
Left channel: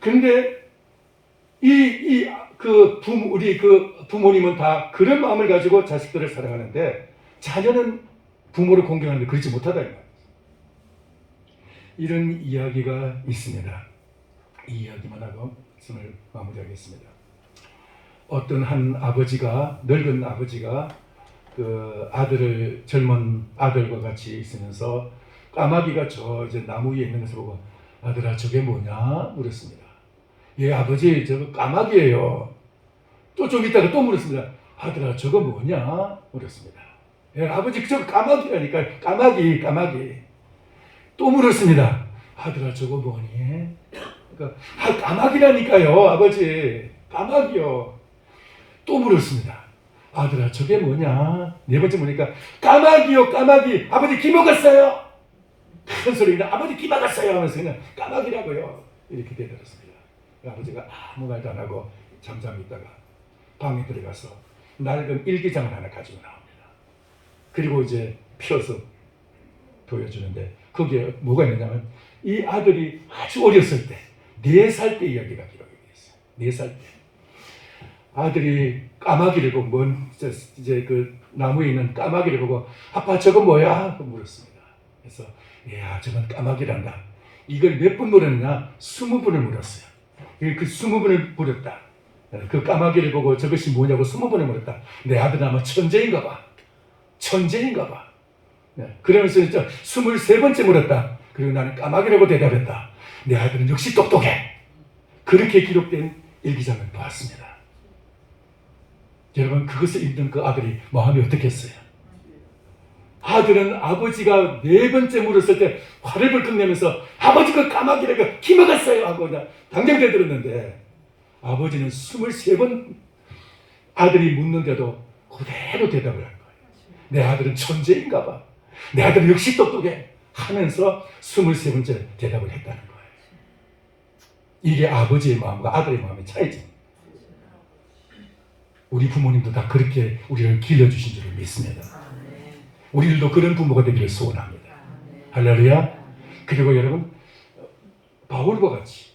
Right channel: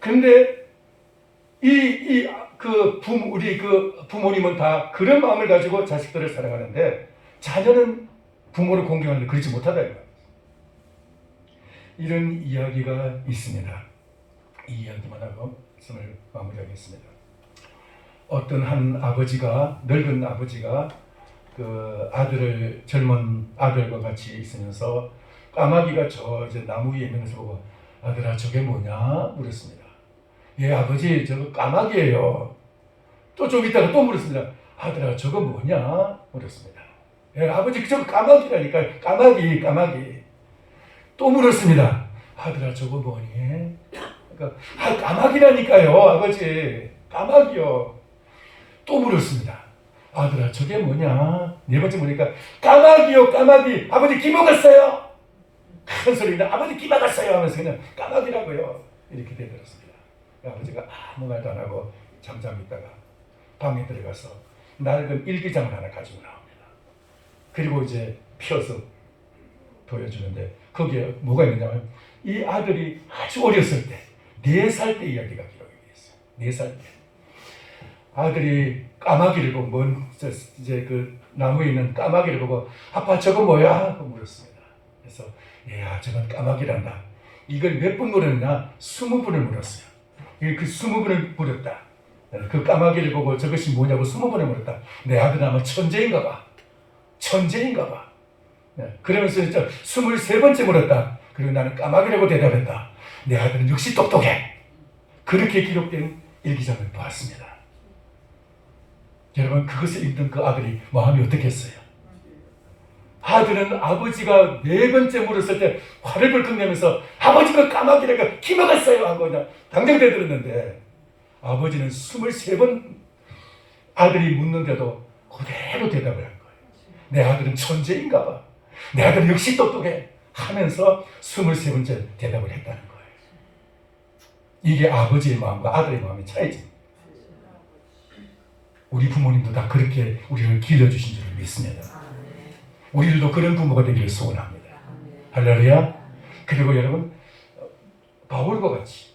근데 우리 그 부모님은 다 그런 마음을 가지고 자식들을 사랑하는데 자녀는 부모를 공경하는데 그렇지 못하다 이 말이에요. 이런 이야기가 있습니다. 이 이야기만 하고 말씀을 마무리하겠습니다. 어떤 한 아버지가, 늙은 아버지가 그 아들을, 젊은 아들과 같이 있으면서 까마귀가 저 이제 나무 위에 있는 것을 보고 아들아 저게 뭐냐 물었습니다. 예 아버지 저거 까마귀예요. 또 좀 있다가 또 물었습니다. 아들아 저거 뭐냐 물었습니다. 예 아버지 저거 까마귀라니까. 까마귀. 또 물었습니다. 아들아 저거 뭐니? 그러니까 까마귀라니까요 아버지. 까마귀요. 또 물었습니다. 아들아 저게 뭐냐? 네 번째 보니까 까마귀요 까마귀. 아버지 기 먹었어요. 큰 소리가 아버지 기 먹었어요 하면서 그냥 까마귀라고요. 이렇게 대들었습니다. 아버지가 아무 말도 안 하고 잠잠히 있다가 방에 들어가서 낡은 일기장을 하나 가지고 나옵니다. 그리고 이제 펴서 보여주는데 거기에 뭐가 있느냐면 이 아들이 아주 어렸을 때 4살 때 이야기가 기록이 되어 있어요. 4살 때 아들이 까마귀를 보고 이제 그 나무에 있는 까마귀를 보고 아빠 저거 뭐야? 하고 물었습니다. 그래서 야 저건 까마귀란다. 이걸 몇 번 물었나? 20번을 물었어요. 그 20번을 물었다. 그 까마귀를 보고 저것이 뭐냐고 20번을 물었다. 내 아들은 아마 천재인가 봐. 그러면서 진짜 23번째 물었다. 그리고 나는 까마귀라고 대답했다. 내 아들은 역시 똑똑해. 그렇게 기록된 일기장을 보았습니다. 여러분 그것을 읽던 그 아들이 마음이 어떻겠어요? 아들은 아버지가 4번째 물었을 때 화를 벌컥 내면서 아버지가 까마귀라고 기 먹었어요 하고 당장 대들었는데 아버지는 23번 아들이 묻는데도 그대로 대답을 한 거예요. 내 아들은 천재인가 봐. 내 아들은 역시 똑똑해 하면서 23번째 대답을 했다는 거예요. 이게 아버지의 마음과 아들의 마음의 차이죠. 우리 부모님도 다 그렇게 우리를 길러주신 줄을 믿습니다. 우리들도 그런 부모가 되기를 소원합니다. 할렐루야. 그리고 여러분 바울과 같이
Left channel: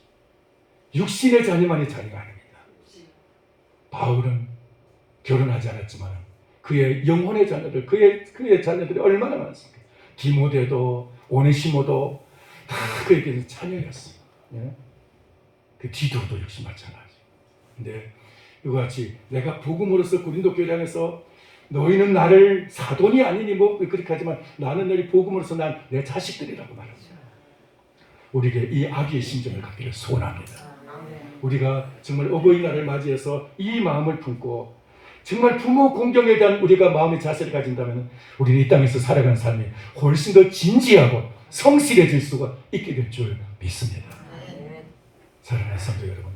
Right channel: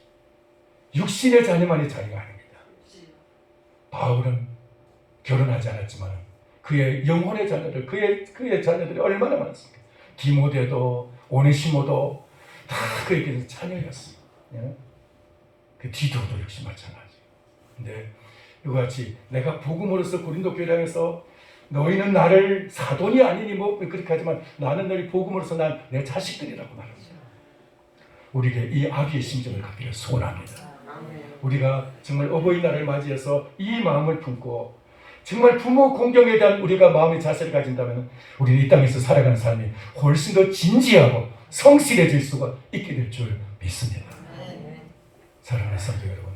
육신의 자녀만이 자녀가 아닙니다. 바울은 결혼하지 않았지만 그의 영혼의 자녀들, 그의 자녀들이 얼마나 많았습니까? 디모데도 오네시모도 다 그에게 자녀였어요. 그 디도도 역시 마찬가지. 근데 이와 같이 내가 복음으로서 고린도 교회를 향해서 너희는 나를 사돈이 아니니 뭐 그렇게 하지만 나는 너희 복음으로서 난 내 자식들이라고 말합니다. 우리에게 이 아비의 심정을 갖기를 소원합니다. 우리가 정말 어버이날을 맞이해서 이 마음을 품고 정말 부모 공경에 대한 우리가 마음의 자세를 가진다면 우리는 이 땅에서 살아가는 삶이 훨씬 더 진지하고 성실해질 수가 있게 될 줄 믿습니다. 사랑하는 성도 여러분,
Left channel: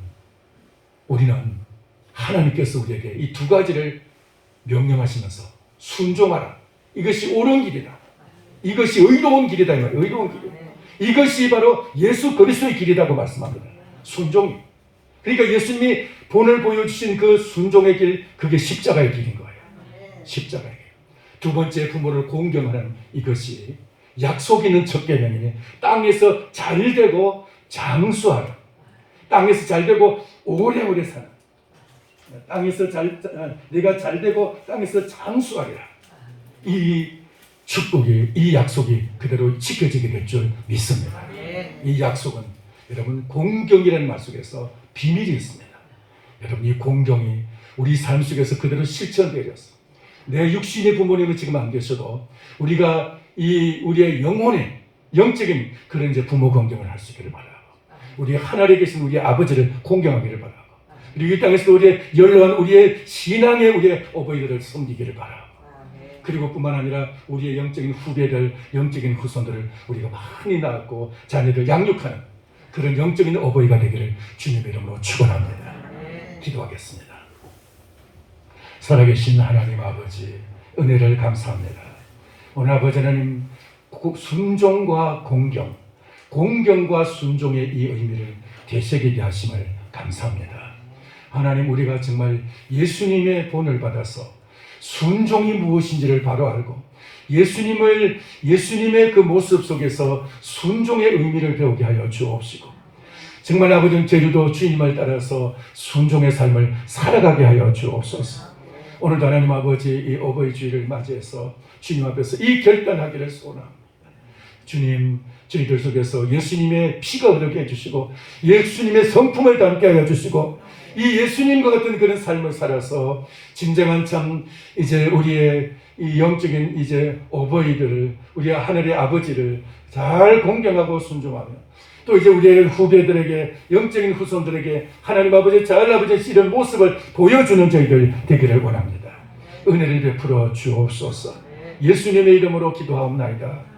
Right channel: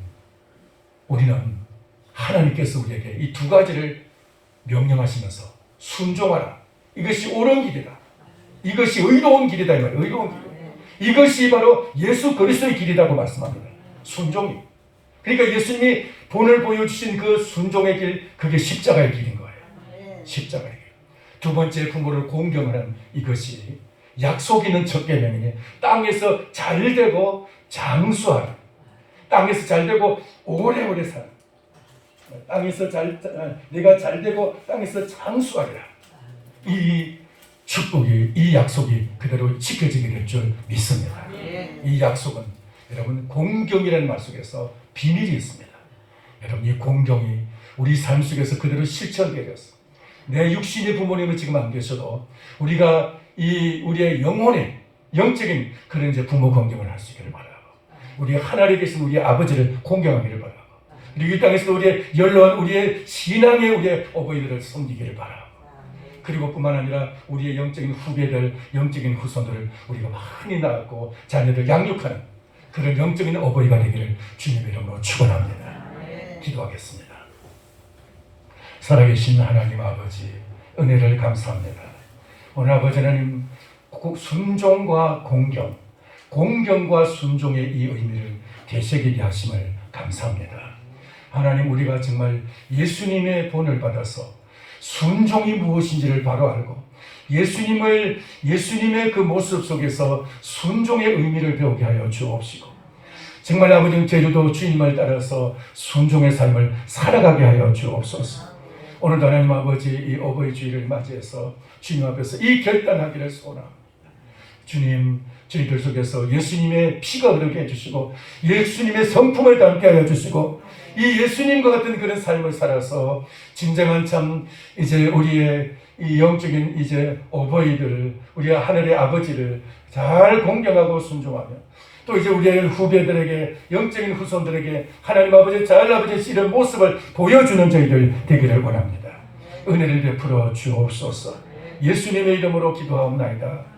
우리는 하나님께서 우리에게 이 2가지를 명령하시면서 순종하라. 이것이 옳은 길이다. 이것이 의로운 길이다. 이 말이에요. 의로운 길. 이것이 바로 예수 그리스도의 길이라고 말씀합니다. 순종이. 그러니까 예수님이 본을 보여주신 그 순종의 길, 그게 십자가의 길인 거예요. 십자가의 길. 2번째 부모를 공경하는 이것이 약속 있는 첫 계명이니 땅에서 잘되고 장수하라. 땅에서 잘되고 오래오래 살아. 내가 잘되고 땅에서 장수하리라. 이 축복이, 이 약속이 그대로 지켜지게 될 줄 믿습니다. 이 약속은 여러분 공경이라는 말 속에서 비밀이 있습니다. 여러분 이 공경이 우리 삶 속에서 그대로 실천되어졌어. 내 육신의 부모님은 지금 안 계셔도 우리가 우리의 영혼의 영적인 그런 이제 부모 공경을 할 수 있기를 바라고, 우리 하늘에 계신 우리 아버지를 공경하기를 바라고, 그리고 이 땅에서 우리의 연로한 우리의 신앙의 우리의 어버이들을 섬기기를 바라고, 그리고 뿐만 아니라 우리의 영적인 후배들, 영적인 후손들을 우리가 많이 낳았고 자녀들 양육하는 그런 영적인 어버이가 되기를 주님의 이름으로 축원합니다. 기도하겠습니다. 살아계신 하나님 아버지, 은혜를 감사합니다. 오늘 아버지 하나님, 순종과 공경, 공경과 순종의 이 의미를 되새기게 하심을 감사합니다. 하나님, 우리가 정말 예수님의 본을 받아서 순종이 무엇인지를 바로 알고 예수님의 그 모습 속에서 순종의 의미를 배우게 하여 주옵시고, 정말 아버지 제주도 주님을 따라서 순종의 삶을 살아가게 하여 주옵소서. 오늘도 하나님 아버지 이 어버이 주일을 맞이해서 주님 앞에서 이 결단하기를 소원합니다. 주님, 저희들 속에서 예수님의 피가 흐르게 해주시고 예수님의 성품을 담게 하여 주시고 이 예수님과 같은 그런 삶을 살아서 진정한 참 이제 우리의 이 영적인 이제 어버이들을, 우리 하늘의 아버지를 잘 공경하고 순종하며 또 이제 우리의 후배들에게, 영적인 후손들에게 하나님 아버지 잘 아버지 이런 모습을 보여주는 저희들 되기를 원합니다. 은혜를 베풀어 주옵소서. 예수님의 이름으로 기도하옵나이다.